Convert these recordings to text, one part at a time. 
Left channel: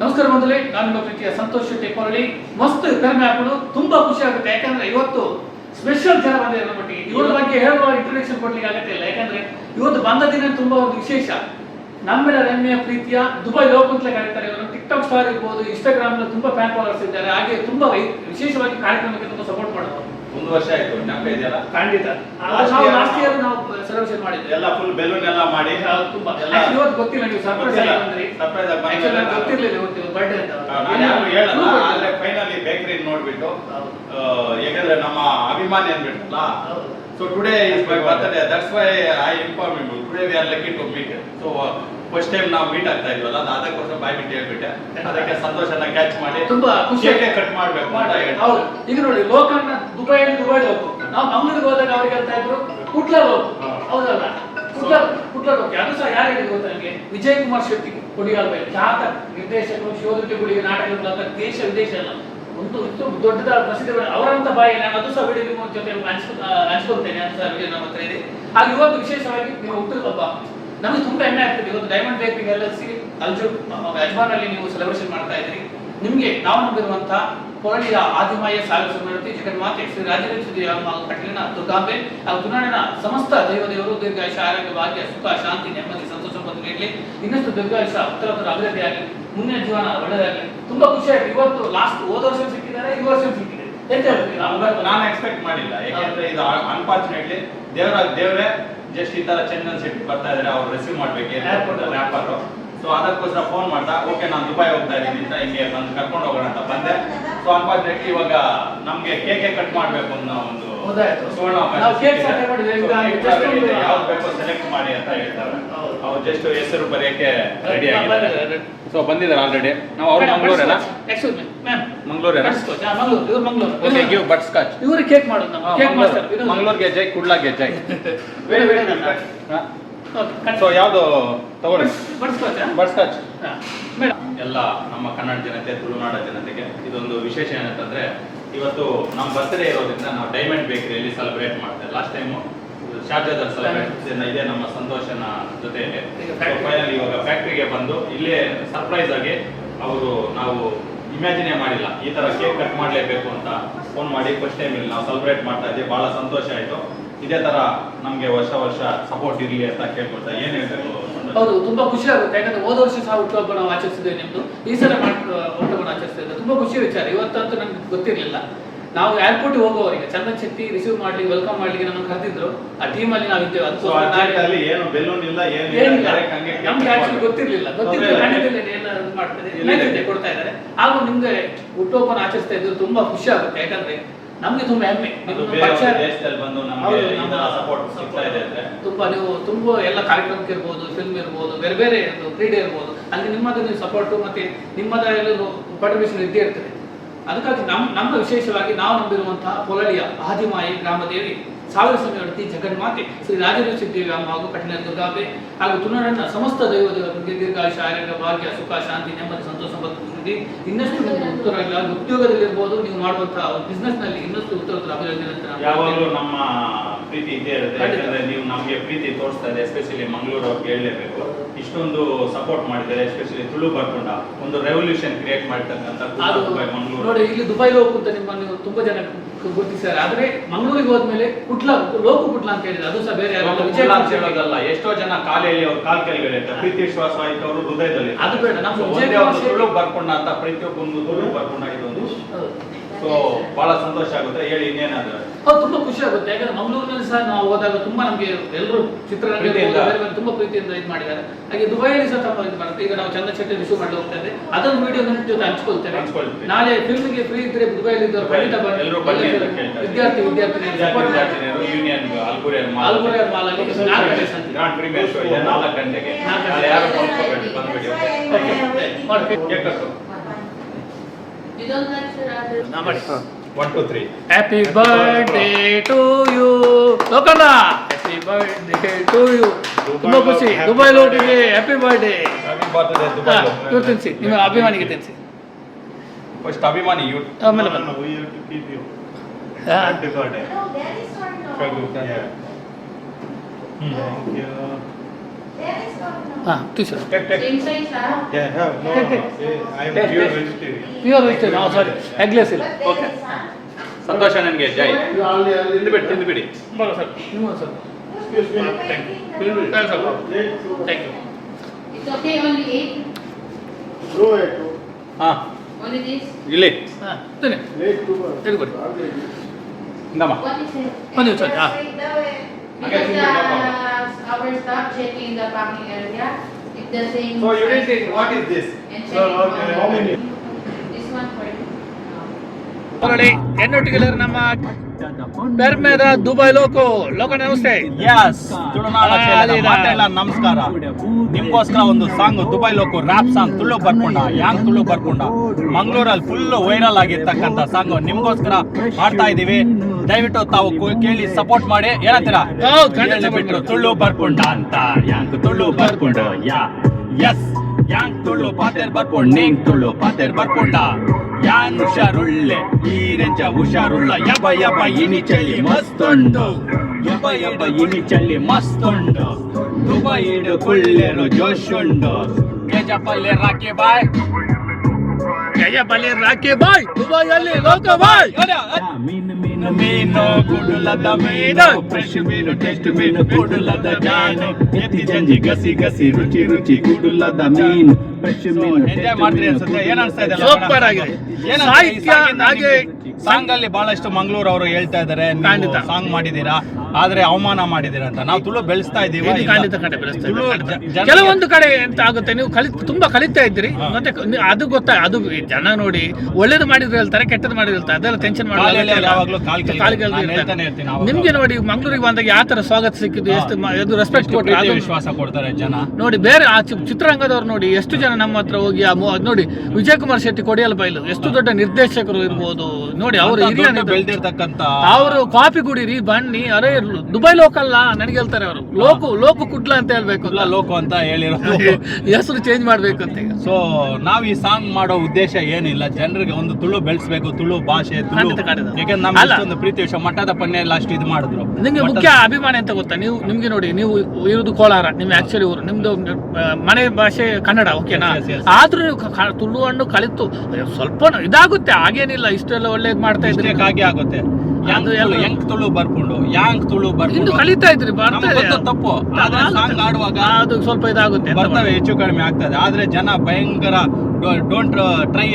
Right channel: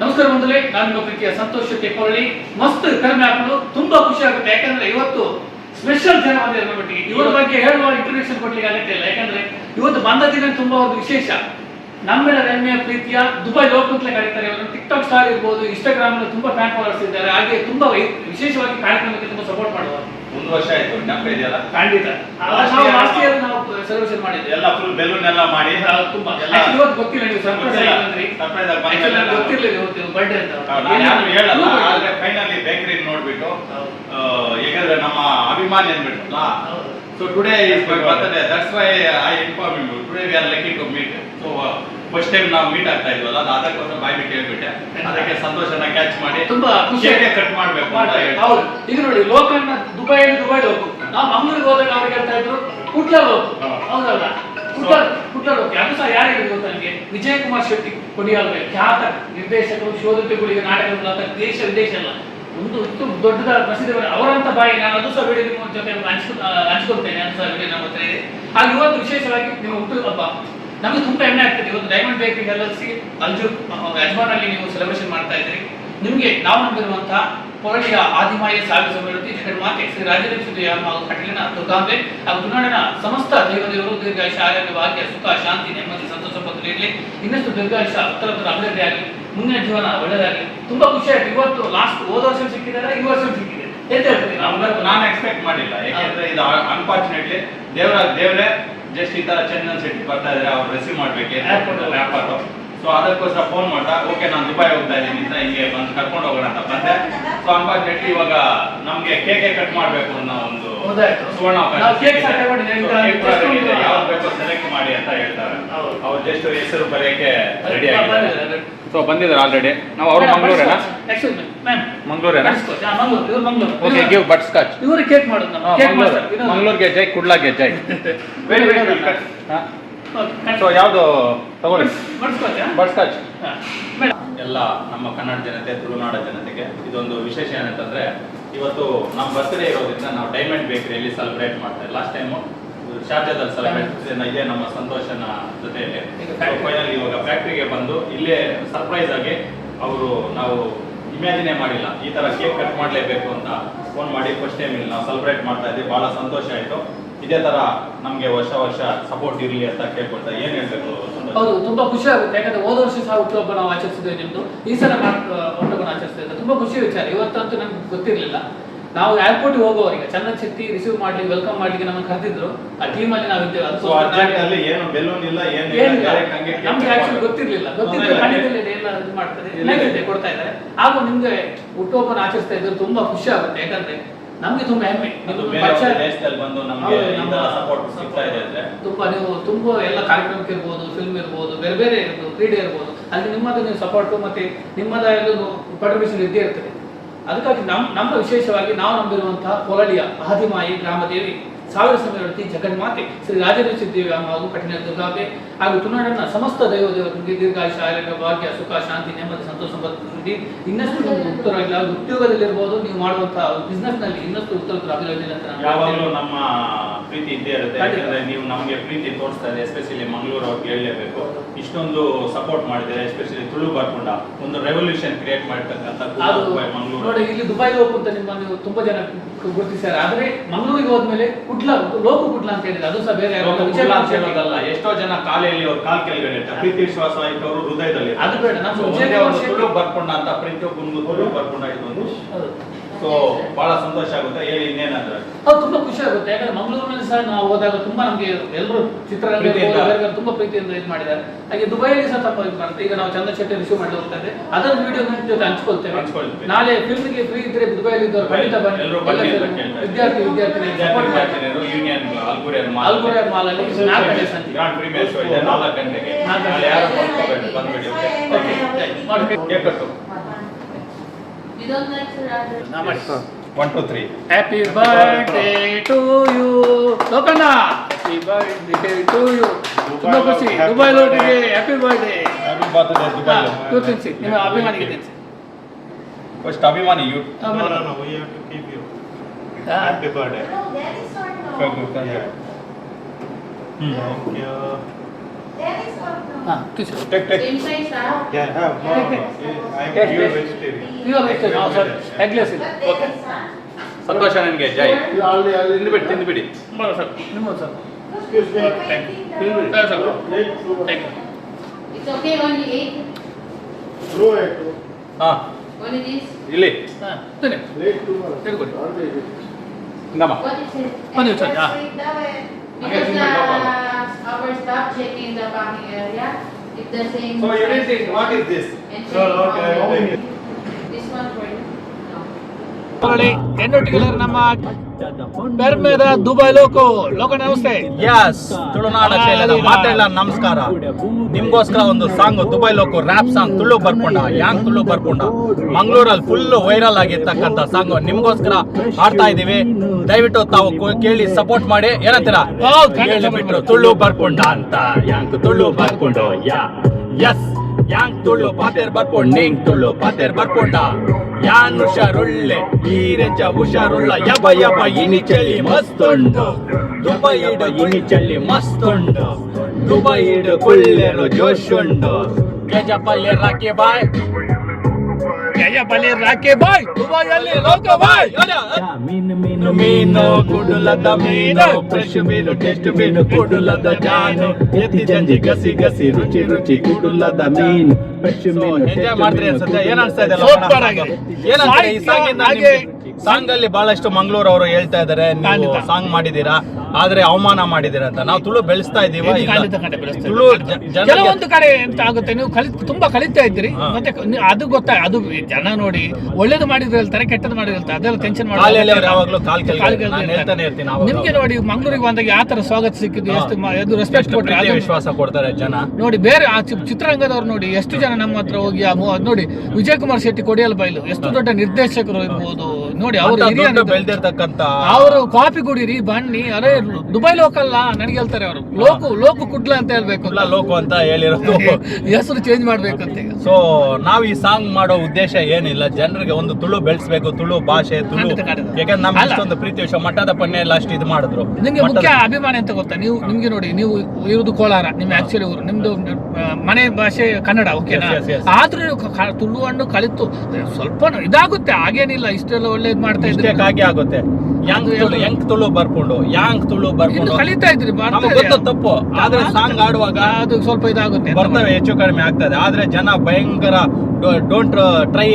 ನಮಸ್ಕಾರ ಬಂಧುಗಳೇ, ನಾನು ನಿಮ್ಮ ಪ್ರೀತಿಯ ಸಂತೋಷ್ ಟೆಕ್ನಾಲಜಿ. ಮಸ್ತ್ ಕಡಿಮೆ ಹಾಕೋದು ತುಂಬಾ ಖುಷಿ ಆಗುತ್ತೆ. ಯಾಕಂದ್ರೆ ಇವತ್ತು ಸ್ಪೆಷಲ್ ಜನ ಬಂದಿದ್ದಾರೆ ನಮ್ಮೊಟ್ಟಿಗೆ. ಇವರ ಬಗ್ಗೆ ಹೇಳುವ ಇಂಟ್ರೊಡಕ್ಷನ್ ಕೊಡ್ಲಿಕ್ಕೆ ಆಗತ್ತೆ ಇಲ್ಲ. ಯಾಕಂದ್ರೆ ಇವತ್ತು ಬಂದ ದಿನ ತುಂಬಾ ಒಂದು ವಿಶೇಷ. ನಮ್ಮೆಲ್ಲರ ಹೆಮ್ಮೆಯ ಪ್ರೀತಿಯ ದುಬೈ ಲೋಕಂತಲೇ ಕರೀತಾರೆ. ಇವರು ಟಿಕ್ಟಾಕ್ ಸ್ಟಾರ್ ಇರ್ಬೋದು, ಇನ್ಸ್ಟಾಗ್ರಾಮ್ ನಲ್ಲಿ ತುಂಬಾ ಫ್ಯಾನ್ ಫಾಲೋವರ್ಸ್ ಇದ್ದಾರೆ. ಹಾಗೆ ತುಂಬಾ ವಿಶೇಷವಾಗಿ ಕಾರ್ಯಕ್ರಮಕ್ಕೆ ತುಂಬಾ ಸಪೋರ್ಟ್ ಮಾಡುವರು. ಒಂದು ವರ್ಷ ಆಯ್ತು ಜ್ಞಾಪಕ ಇದೆಯಲ್ಲ? ಖಂಡಿತ. ನಾವು ಲಾಸ್ಟ್ ಇಯರ್ ನಾವು ಸೆಲೆಬ್ರೇಷನ್ ಮಾಡಿದ್ವಿ. ಎಲ್ಲ ಫುಲ್ ಬೆಲೂನ್ ಎಲ್ಲ ಮಾಡಿ ತುಂಬಾ ಇವತ್ತು ಗೊತ್ತಿಲ್ಲ, ನೀವು ಸರ್ಪ್ರೈಸ್ ಆಗಿ ಗೊತ್ತಿರಲಿಲ್ಲ ಇವತ್ತು ಬರ್ಡೇ ಅಂತ ಯಾರು ಹೇಳಲ್ಲ. ಆದ್ರೆ ಫೈನಲಿ ಬೇಕರಿ ನೋಡ್ಬಿಟ್ಟು, ಯಾಕಂದ್ರೆ ನಮ್ಮ ಅಭಿಮಾನಿ ಅಂದ್ಬಿಟ್ರಲ್ಲ. So today is my birthday. That's why I inform you. Today we are lucky to meet. So first time ನಾವು ಮೀಟ್ ಆಗ್ತಾ ಇದ್ವಲ್ಲ, ಅದಕ್ಕೋಸ್ಕರ ಬಾಯ್ ಬಿಟ್ಟು ಹೇಳ್ಬಿಟ್ಟೆ. ಅದಕ್ಕೆ ಸಂತೋಷನ ಕ್ಯಾಚ್ ಮಾಡಿ ತುಂಬಾ ಖುಷಿಯಾಗಿ ಕಟ್ ಮಾಡ್ಬೇಕು ಅಂತ ಹೇಳಿ. ಹೌದು, ಈಗ ನೋಡಿ ಲೋಕನ್ನ ದುಬೈ ಲೋಕ. ನಾವು ಮಂಗಳೂರಿಗೆ ಹೋದಾಗ ಅವ್ರಿಗೆ ಹೇಳ್ತಾ ಇದ್ರು ಕುಟ್ಲ ಲೋಕ. ಹೌದಲ್ಲ, ಕುಟ್ಲ ಲೋಕ. ಅದು ಸಹ ಯಾರು ಹೇಳಿ ಗೊತ್ತಾ ನನಗೆ? ವಿಜಯ್ ಕುಮಾರ್ ಶೆಟ್ಟಿ ಕೊಡಿಯಾಲ್ವೆ, ಖ್ಯಾತ ನಿರ್ದೇಶಕರು, ಶೋಧಿಕೆಗಳಿಗೆ ನಾಟಕಗಳು, ದೇಶ ವಿದೇಶ ಎಲ್ಲ ಒಂದು ದೊಡ್ಡದ ಪ್ರಸಿದ್ಧ ಅವರಂತ ಬಾಯಿ. ನಾನು ಅದು ಸಹ ವಿಡಿಯೋ ನಿಮ್ಮ ಜೊತೆ ಹಂಚ್ಕೊಳ್ತೇನೆ. ಅದು ಸಹ ವಿಡಿಯೋ ನಮ್ಮ ಹತ್ರ ಇದೆ. ಹಾಗೆ ಇವತ್ತು ವಿಶೇಷವಾಗಿ ನಿಮ್ಮ ಹುಟ್ಟುಹಬ್ಬ ಹಬ್ಬ ನಮಗೆ ತುಂಬಾ ಹೆಮ್ಮೆ ಆಗ್ತದೆ. ಇವತ್ತು ಡೈಮಂಡ್ ಬೇಕರಿ LLC ಯಜಮಾನಲ್ಲಿ ನೀವು ಸೆಲೆಬ್ರೇಷನ್ ಮಾಡ್ತಾ ಇದ್ರಿ. ನಿಮಗೆ ನಾವು ನಂಬಿರುವಂತಹ ಪೊರಳಿಯ ಆದಿಮಾಯ ಸಾವಿರ ಸಮೇಳತಿ ಜಗನ್ಮಾತೆ ಶ್ರೀ ರಾಜಲಕ್ಷ್ಮಿ ಹಾಗೂ ಕಟೀಲಿನ ದುರ್ಗಾಂಬೆ ಹಾಗೂ ತುನಾಡಿನ ಸಮಸ್ತ ದೈವದೇವರು ದೀರ್ಘಾಯುಷ, ಆರೋಗ್ಯ, ಭಾಗ್ಯ, ಸುಖ, ಶಾಂತಿ, ನೆಮ್ಮದಿ, ಸಂತೋಷ ಸಂಪತ್ತು ನೀಡಲಿ. ಇನ್ನಷ್ಟು ದೀರ್ಘಾಯುಷ, ಉತ್ತರದ ಅಭಿವೃದ್ಧಿ ಆಗಲಿ, ಮುಂದಿನ ಜೀವನ ಒಳ್ಳೆಯದಾಗಲಿ. ತುಂಬಾ ಖುಷಿ ಆಯ್ತು. ಇವತ್ತು ಲಾಸ್ಟ್ ಹೋದ ವರ್ಷ ಸಿಕ್ಕಿದ್ದಾರೆ, ಈ ವರ್ಷ ಸಿಕ್ಕಿದೆ. ನಾನು ಎಕ್ಸ್ಪೆಕ್ಟ್ ಮಾಡಿಲ್ಲ. ಯಾಕೆಂದ್ರೆ ಇದು ಅನ್ಫಾರ್ಚುನೇಟ್ಲಿ ದೇವ್ರೆ ಜಸ್ಟ್ ಈ ತರ ಚಂದನ್ ಶೆಟ್ಟಿ ಬರ್ತಾ ಇದ್ರೆ ಅವ್ರು ರಿಸೀವ್ ಮಾಡ್ಬೇಕು ವ್ಯಾಪಾರ. ಸೊ ಅದಕ್ಕೋಸ್ಕರ ಫೋನ್ ಮಾಡ್ತಾ, ಓಕೆ ನಾನು ದುಬೈ ಹೋಗ್ತಾ ಇದ್ದೀನಿ ಅಂತ ಹಿಂಗೆ ಬಂದು ಕರ್ಕೊಂಡು ಹೋಗೋಣ ಅಂತ ಬಂದೆ. ಸೊ ಅನ್ಫಾರ್ಚುನೇಟ್ಲಿ ಇವಾಗ ನಮ್ಗೆ ಕೇಕ್ ಕಟ್ ಮಾಡ್ಬೇಕು ಅನ್ನೋ ಒಂದು ಸುವರ್ಣ ಯಾವ್ದು ಬೇಕೋ ಸೆಲೆಕ್ಟ್ ಮಾಡಿ ಅಂತ ಹೇಳ್ತಾರೆ. ಅವ್ರು ಜಸ್ಟ್ ಹೆಸರು ಬರೆಯಕ್ಕೆ ರೆಡಿ ಆಗಿದ್ದಾರೆ. ಸೊ ಬಂದಿದ್ದಾರೆ ಆಲ್ರೆಡಿ. ನಾವು ಅವ್ರು ಮಂಗಳೂರೇನಾ? ಮಂಗಳೂರೇನಾ? Okay, give butterscotch. ಇವರು ಕೇಕ್ ಮಾಡೋದು ನಾವು. ಕೇಕ್ ಮಾಸ್ಟರ್ ಮಂಗಳೂರಿಗೆ ಜೈ, ಕುಡ್ಲಾಗೆ ಜೈ. Very very good. ಸೊ ಯಾವುದು ತಗೊಳ್ಳಿ? Butterscotch. ಎಲ್ಲ ನಮ್ಮ ಕನ್ನಡ ಜನತೆ, ತುಳುನಾಡ ಜನತೆಗೆ ಇದೊಂದು ವಿಶೇಷ ಏನಂತಂದ್ರೆ, ಇವತ್ತು ನಮ್ಮ ಬರ್ತ್ಡೇ ಇರೋದ್ರಿಂದ ನಾವು ಡೈಮಂಡ್ ಬೇಕರಿಯಲ್ಲಿ ಸೆಲೆಬ್ರೇಟ್ ಮಾಡ್ತಾ ಇದ್ದೀವಿ. ಲಾಸ್ಟ್ ಟೈಮು ಶಾರ್ಜಾದಲ್ಲಿ ಸೆಲೆಬ್ರೇಟ್ ಇದೆ ನಮ್ಮ ಸಂತೋಷನ ಜೊತೆಯಲ್ಲಿ. ಫೈನಲಿ ಇವಾಗ ಫ್ಯಾಕ್ಟ್ರಿಗೆ ಬಂದು ಇಲ್ಲೇ ಸರ್ಪ್ರೈಸ್ ಆಗಿ ಅವರು, ನಾವು ಇಮ್ಯಾಜಿನೇ ಮಾಡಿಲ್ಲ ಈ ತರ ಕೇಕ್ ಕಟ್ ಮಾಡಲೇಬೇಕು ಅಂತ ಫೋನ್ ಮಾಡಿ ಫಸ್ಟ್ ಟೈಮ್ ಇಲ್ಲಿ ನಾವು ಸೆಲೆಬ್ರೇಟ್ ಮಾಡ್ತಾ ಇದ್ದೀವಿ. ಬಹಳ ಸಂತೋಷ ಆಯಿತು. ಇದೇ ತರ ನಮಗೆ ವರ್ಷ ಸಪೋರ್ಟ್ ಇರಲಿ ಅಂತ ಕೇಳ್ಕೊಳ್ತಾ ಏನ್ ಹೇಳ್ಬೇಕು? ಹೌದು, ತುಂಬಾ ಖುಷಿ ಆಗುತ್ತೆ. ಯಾಕಂದ್ರೆ ಹೋದ ವರ್ಷ ಸಹ ಹುಟ್ಟುಹಬ್ಬ ನಾವು ಆಚರಿಸಿದ್ದೇವೆ ನಿಮ್ದು. ಈ ಸಲ ಹುಟ್ಟುಹಬ್ಬ ಆಚರಿಸ್ತಾ ಇದ್ದೇವೆ. ತುಂಬಾ ಖುಷಿ ವಿಚಾರ. ಇವತ್ತಂತೂ ನಮ್ಗೆ ಗೊತ್ತಿರಲಿಲ್ಲ. ನಾವು ಏರ್ಪೋರ್ಟ್ ಹೋಗೋವರಿಗೆ ಚಂದನ್ ಶೆಟ್ಟಿ ರಿಸೀವ್ ಮಾಡ್ಲಿಕ್ಕೆ, ವೆಲ್ಕಮ್ ಮಾಡ್ಲಿಕ್ಕೆ ನಮ್ಮನ್ನು ಕರೆದಿದ್ರು. ಆ ಟೀಮ್ ಅಲ್ಲಿ ನಾವು ಇದ್ದೇವೆ. ಏನು ಬೆಲೂನ್ ಇಲ್ಲ, ನಮ್ಗೆ ಆಕ್ಚುಲಿ ಗೊತ್ತಿರ್ಲಿಲ್ಲ. ಖಂಡಿತದಲ್ಲಿ ಎಲ್ಲ ಇದು ಮಾಡ್ತಾರೆ, ಕೊಡ್ತಾ ಇದ್ದಾರೆ. ಹಾಗೂ ನಿಮ್ಗೆ ಹುಟ್ಟುಹಬ್ಬನ ಆಚರಿಸ್ತಾ ಇದ್ರು. ತುಂಬಾ ಖುಷಿ ಆಗುತ್ತೆ. ಯಾಕಂದ್ರೆ ನಮ್ಗೆ ತುಂಬಾ ಹೆಮ್ಮೆ. ತುಂಬಾ ನೀವು ತುಂಬಾ ಎಲ್ಲ ಕಾರ್ಯಕ್ರಮಕ್ಕೆ ಇರ್ಬೋದು, ಫಿಲ್ಮ್ ಇರ್ಬೋದು, ಬೇರೆ ಬೇರೆ ಕ್ರೀಡೆ ಇರ್ಬೋದು, ಅಲ್ಲಿ ನಿಮ್ಮದು ನೀವು ಸಪೋರ್ಟ್ ಮತ್ತೆ ನಿಮ್ಮದ ಕಾಂಟ್ರಿಬ್ಯೂಷನ್ ಇದ್ದೇ ಇರ್ತದೆ. ಅದಕ್ಕಾಗಿ ನಮ್ಮ ವಿಶೇಷವಾಗಿ ನಾವು ನಂಬಿರುವಂತಹ ಪೊರಳಿಯ ಆದಿಮಾಯಿ ಗ್ರಾಮದೇವಿ ಸಾವಿರ ಸಮಯೊಡತಿ ಜಗನ್ಮಾತೆ ಶ್ರೀ ರಾಜಲಕ್ಷ್ಮಿ ದೇವಿ ಹಾಗೂ ಕಠಿಣ ದುರ್ಗಾಂಬೆ ಹಾಗೂ ತುಳುನಾಡಿನ ಸಮಸ್ತ ದೈವದೇವರಿಗೆ ದೀರ್ಘಾಯುಷ, ಆರೋಗ್ಯ, ಭಾಗ್ಯ, ಸುಖ, ಶಾಂತಿ, ನೆಮ್ಮದಿ, ಸಂತೋಷ ಸಂಪತ್ತು ನೀಡಿ. ಇನ್ನಷ್ಟು ನಿಮ್ಗೆ ಉತ್ತರ ಇಲ್ಲ, ಉದ್ಯೋಗದಲ್ಲಿರ್ಬೋದು, ನೀವು ಮಾಡುವಂತಹ ಬಿಸ್ನೆಸ್ ನಲ್ಲಿ ಇನ್ನಷ್ಟು ಉತ್ತರ ಅಭಿವೃದ್ಧಿ ಅಂತ ಯಾವಾಗಲೂ ನಮ್ಮ ಪ್ರೀತಿ ಇದ್ದೇ ಇರುತ್ತೆ. ನೀವು ನಮಗೆ ಪ್ರೀತಿ ತೋರಿಸ್ತಾ ಇದೆ. ಎಸ್ಪೆಷಲಿ ಮಂಗಳೂರು ಅವ್ರಿಗೆ ಹೇಳಲೇಬೇಕು. ಇಷ್ಟೊಂದು ಸಪೋರ್ಟ್ ಮಾಡಿದ್ದಾರೆ. ಎಸ್ಪೆಷಲಿ ತುಳು ಬರ್ಕೊಂಡ ಒಂದು ರೆವಲ್ಯೂಷನ್ ಕ್ರಿಯೇಟ್ ಮಾಡ್ತಕ್ಕಂಥ ಮಂಗಳೂರು. ನೋಡಿ, ಇಲ್ಲಿ ದುಬೈ ಲೋಕ ಅಂತ ನೀವು ತುಂಬಾ ಜನ ಗುರುತಿಸ್ತಾರೆ. ಆದ್ರೆ ಮಂಗಳೂರಿಗೆ ಹೋದ್ಮೇಲೆ ಲೋಕು ಕುಟ್ಲ ಅಂತ ಹೇಳಿದ್ರೆ ಅದು ಸಹ ಬೇರೆ ಹೇಳೋದಲ್ಲ. ಎಷ್ಟೋ ಜನ ಕಾಲೆಯಲ್ಲಿ ಅವ್ರ ಕಾಲ್ ಕೆಳಗಡೆ ಪ್ರೀತಿ ವಿಶ್ವಾಸ ಆಯ್ತು ಅವರು ಹೃದಯದಲ್ಲಿ. ಅದು ಬೇಡ, ನಮ್ಮ ತುಳು ಬರ್ಕೊಂಡ ಅಂತ ಪ್ರತಿಯೊಬ್ಬರು ತುಳು ಬರ್ಕೊಂಡ ಇದೊಂದು. ಸೊ ಬಹಳ ಸಂತೋಷ ಆಗುತ್ತೆ. ಹೇಳಿ ಇನ್ನೇನಾದ್ರೆ? ಹೌದು, ತುಂಬಾ ಖುಷಿ ಆಗುತ್ತೆ. ಯಾಕಂದ್ರೆ ಮಂಗಳೂರಿನಲ್ಲಿ ಸಹ ನಾವು ಹೋದಾಗ ತುಂಬಾ ನಮಗೆ ಎಲ್ಲರೂ ಚಿತ್ರರಂಗ ತುಂಬಾ ಪ್ರೀತಿಯಿಂದ ಇದು ಮಾಡಿದ್ದಾರೆ. ಹಾಗೆ ದುಬೈಯಲ್ಲಿ ಸಹ ತುಂಬಾ ಇದು ಮಾಡುತ್ತೆ. ಈಗ ನಾವು ಚಂದನ್ ಶೆಟ್ಟಿ ರಿಸೀವ್ ಮಾಡಿ ಹೋಗ್ತಾ ಇದ್ದೇವೆ. ಅದನ್ನು ವಿಡಿಯೋ ಜೊತೆ ಹಂಚ್ಕೊಳ್ತೇವೆ. ನಾಳೆ ಫಿಲ್ಮ್ಗೆ ಫ್ರೀ ಇದ್ರೆ ದುಬೈಯಲ್ಲಿ ಇದ್ದವರು ಖಂಡಿತ ಬನ್ನಿ. ವಿದ್ಯಾರ್ಥಿನಿಯರು ಯೂನಿಯನ್ ಆಲ್ಗುರಿಯರ್ ಮಾಲ್ ಅಲ್ಲಿ 4 ಗಂಟೆ ಸಂಜೆ ಗ್ರಾಂಡ್ ಪ್ರೀಮಿಯರ್ ಶೋ ಇದೆ. 4 ಗಂಟೆಗೆ ಯಾರು ಬಂದ್ಬಿಡಿ. ಕೇಕ್ ಕಟ್ಟು. 1 2 3. Happy birthday to you. Lokanna, happy birthday to you. ತುಂಬಾ ಖುಷಿ. ದುಬೈ ಲೋಟಿಗೆ happy birthday. Happy birthday Dubai Lo. ತಿನ್ಸಿ, ನಿಮ್ಮ ಅಭಿಮಾನಿಗೆ ತಿನ್ಸಿ. ಫಸ್ಟ್ ಅಭಿಮಾನಿ you. No, we have to keep you. Happy birthday. No, there is not. Yeah. Thank you. There is not. ಹಾಂ teacher Take. Same size, huh? Yeah, no, Okay. I'm Taste, pure taste. vegetarian. Pure vegetarian sorry eggless ಇಲ್ಲ okay ಸಂತೋಷ ನನಗೆ ಜೈ ತಿಂದುಬಿಡಿ ಬರೋ sir ನಿಮ್ಮ sir thank you sir thank you It's okay, only 8. ಹಾಂ Only this. ಇಲ್ಲಿ ಹಾಂ ತಿನ್ನಿ ತಿಳ್ಕೊಡಿ ಇಂದಮ್ಮ What is it? Ano, sir? Ah. Because our staff checking the parking area, if the same. So you didn't take, what is this? And Sir, checking okay, all. thank you. This one for you. ನೋಡಿ ಎನ್ನೊಟ್ಟಿಗೆ ನಮ್ಮ ಬೆರ್ಮೇದ Dubai ಲೋಕೋ ನಮಸ್ತೆ Yes ತುಳುನಾಡ ಶೈಲಿಯ ಮಾತೆಲ್ಲ ನಮಸ್ಕಾರ ನಿಮ್ಗೋಸ್ಕರ ಒಂದು song Dubai ಲೋಕು ರ್ಯಾಪ್ ಸಾಂಗ್ ತುಳು ಬರ್ಕೊಂಡ ಯಾಂಗ್ ತುಳು ಬರ್ಕೊಂಡ ಮಂಗಳೂರಲ್ಲಿ ಫುಲ್ ವೈರಲ್ ಆಗಿರ್ತಕ್ಕಂಥ ಸಾಂಗ್ ನಿಮ್ಗೋಸ್ಕರ ಆಡ್ತಾ ಇದೀವಿ ದಯವಿಟ್ಟು ತಾವು ಕೇಳಿ ಸಪೋರ್ಟ್ ಮಾಡಿ ಏನಂತೀರಾ ಹೌದು, ಖಂಡಿತ ಹೇಳ್ಬಿಟ್ರು ತುಳು ಬರ್ಕೊಂಡ ಅಂತ ಯಾಂಗ್ ತುಳು ಬರ್ಕೊಂಡ ಯಸ್ ಯಾಂಗ್ ತುಳು ಪಾತೆರ್ ಬರ್ಕೊಂಡ್ ನೀಂಗ್ ತುಳು ಪಾತೆರ್ ಬರ್ಕೊಂಡ ಯಾನ್ ಹುಷಾರುಳ್ಳೆ ಈ ರೆಂಚ ಹುಷಾರುಳ್ಳ ಯಬ ಇನಿ ಚಳಿ ಮಸ್ತುಂಡು ದುಬೈ ಇಡ ಇನಿ ಚಳಿ ಮಸ್ತುಂಡು ದುಬೈ ಇಡ ಕುಳ್ಳೆರು ಜೋಶುಂಡು ಗಜಪಲ್ಲೆ ರಾಕಿ ಬಾಯ್ ಬಲಿ ರಾಕೆ ಬಾಯ್ ದುಬೈಯಲ್ಲಿ ಲೋಕ ಬಾಯ್ ಮೀನು ಗುಡುಲದ ಮೀನು ಫ್ರೆಶ್ ಮೀನು ಟೆಸ್ಟ್ ಮೀನು ಗುಡುಲದ ಜಾನು ಎತ್ತಿ ಜಂಜಿ ಗಸಿ ಗಸಿ ರುಚಿ ರುಚಿ ಗುಡುಲದ ಮೀನು ಫ್ರೆಶ್ ಮೀನು ಎಂಜಾಯ್ ಮಾಡಿದ್ರಿ ಅನ್ಸುತ್ತೆ ಏನ್ ಅನ್ಸ್ತಾ ಇದೆ ಸೂಪರ್ ಆಗಿದೆ ಸಾಹಿತ್ಯ ಹಾಗೆ ಸಾಂಗ್ ಅಲ್ಲಿ ಬಹಳಷ್ಟು ಮಂಗಳೂರು ಅವರು ಹೇಳ್ತಾ ಇದಾರೆ ಖಂಡಿತ. ಸಾಂಗ್ ಮಾಡಿದೀರಾ ಆದ್ರೆ ಅವಮಾನ ಮಾಡಿದೀರಾ ಅಂತ ನಾವು ತುಳು ಬೆಳೆಸ್ತಾ ಇದೀವಿ ಇದು ಖಂಡಿತ ಬೆಳೆಸ್ತಾ ತುಳು ಇದ್ದೀವಿ. ಕೆಲವೊಂದು ಕಡೆ ಎಂತ ಆಗುತ್ತೆ ನೀವು ತುಂಬಾ ಕಲಿತಾ ಇದ್ದೀರಿ ಮತ್ತೆ ಅದು ಅದು ಜನ ನೋಡಿ ಒಳ್ಳೇದು ಮಾಡಿದ್ರೆ ಹೇಳ್ತಾರೆ ಕೆಟ್ಟದ್ದು ಮಾಡಿದ್ರೆ ಹೇಳ್ತಾರೆ ಅದೆಲ್ಲ ಟೆನ್ಷನ್ ಯಾವಾಗ್ಲೂ ಕಾಲ್ ಹೇಳ್ತಾನೆ ಇರ್ತೀನಿ ನಾವು. ನಿಮ್ಗೆ ನೋಡಿ ಮಂಗಳೂರಿಗೆ ಬಂದಾಗ ಯಾವ ತರ ಸ್ವಾಗತ ಸಿಕ್ಕಿದ್ದು ಎಷ್ಟು ರೆಸ್ಪೆಕ್ಟ್ ಕೊಟ್ಟರೆ ಪ್ರೀತಿ ಅದು ವಿಶ್ವಾಸ ಕೊಡ್ತಾರೆ ಜನ ನೋಡಿ ಬೇರೆ ಆ ಚಿತ್ರರಂಗದವ್ರು ನೋಡಿ ಎಷ್ಟು ಜನ ನಮ್ಮ ಹತ್ರ ಹೋಗಿ ಅದ್ ನೋಡಿ ವಿಜಯ್ ಕುಮಾರ್ ಶೆಟ್ಟಿ ಕೊಡಿಯಲ್ ಬೈಲು ಎಷ್ಟು ದೊಡ್ಡ ನಿರ್ದೇಶಕರು ಇರ್ಬೋದು ನೋಡಿ ಅವರು ಹಿರಿಯ ಬೆಳೆದಿರ್ತಕ್ಕಂತ ಅವರು ಕಾಫಿ ಕುಡೀರಿ ಬನ್ನಿ ಅರೆ ದುಬೈ ಲೋಕಲ್ಲ ನನಗೆ ಹೇಳ್ತಾರೆ ಅವರು ಲೋಕು ಕುಡ್ಲ ಅಂತ ಹೇಳ್ಬೇಕು ಅಂತ. ಲೋಕು ಅಂತ ಹೇಳಿರೋದು ಹೆಸರು ಚೇಂಜ್ ಮಾಡ್ಬೇಕು ಅಂತ ಈಗ ಸೊ ನಾವ್ ಈ ಸಾಂಗ್ ಮಾಡೋ ಉದ್ದೇಶ ಏನಿಲ್ಲ ಜನರಿಗೆ ಒಂದು ತುಳು ಬೆಳೆಸ್ಬೇಕು ತುಳು ಭಾಷೆ ತುಳು ಖಂಡಿತ, ಖಂಡಿತ. ಯಾಕಂದ್ರೆ ನಮ್ಗೆ ಅಲ್ಲ. ಇಷ್ಟೊಂದು ಪ್ರೀತಿ ವಿಷಯ ಮಠದ ಪಣ್ಣೆ ಎಲ್ಲ ಅಷ್ಟು ಇದು ಮಾಡಿದ್ರು ನಿಮ್ಗೆ ಮುಖ್ಯ ಅಭಿಮಾನ ಅಂತ ಗೊತ್ತಾ ನಿಮ್ಗೆ ನೋಡಿ ನೀವು ಇರುವುದು ಕೋಲಾರ ನಿಮ್ಮ ಆಕ್ಚುಲಿ ಊರು ನಿಮ್ದು ಮನೆ ಭಾಷೆ ಕನ್ನಡ ಓಕೆನಾ Yes, yes. ಆದ್ರೂ ನೀವು ತುಳು ಹಣ್ಣು ಕಲಿತು ಸ್ವಲ್ಪ ಇದಾಗುತ್ತೆ ಹಾಗೇನಿಲ್ಲ ಇಷ್ಟೆಲ್ಲ ಒಳ್ಳೇದು ಮಾಡ್ತಾ ಇದ್ರಿ ಹಾಗೆ ಆಗುತ್ತೆ ಹೆಂಗ್ ತುಳು ಬರ್ಕೊಂಡು ಯಾಂಗ್ ತುಳು ಇನ್ನು ಬರ್ಕೊಂಡು ಕಲಿತಾ ಇದ್ರಿ ಬರ್ತಾ ನಮ್ಗೆ ಇದೆ. ಗೊತ್ತು ತಪ್ಪು ಆದ್ರೆ ಸಾಂಗ್ ಆಡುವಾಗ ಅದು ಸ್ವಲ್ಪ ಇದಾಗುತ್ತೆ ಎಂತ ಬರ್ತವೆ ಮಾಡೋದು? ಹೆಚ್ಚು ಕಡಿಮೆ ಆಗ್ತದೆ ಆದ್ರೆ ಜನ ಭಯಂಕರ ಡೋಂಟ್ ಟ್ರೈ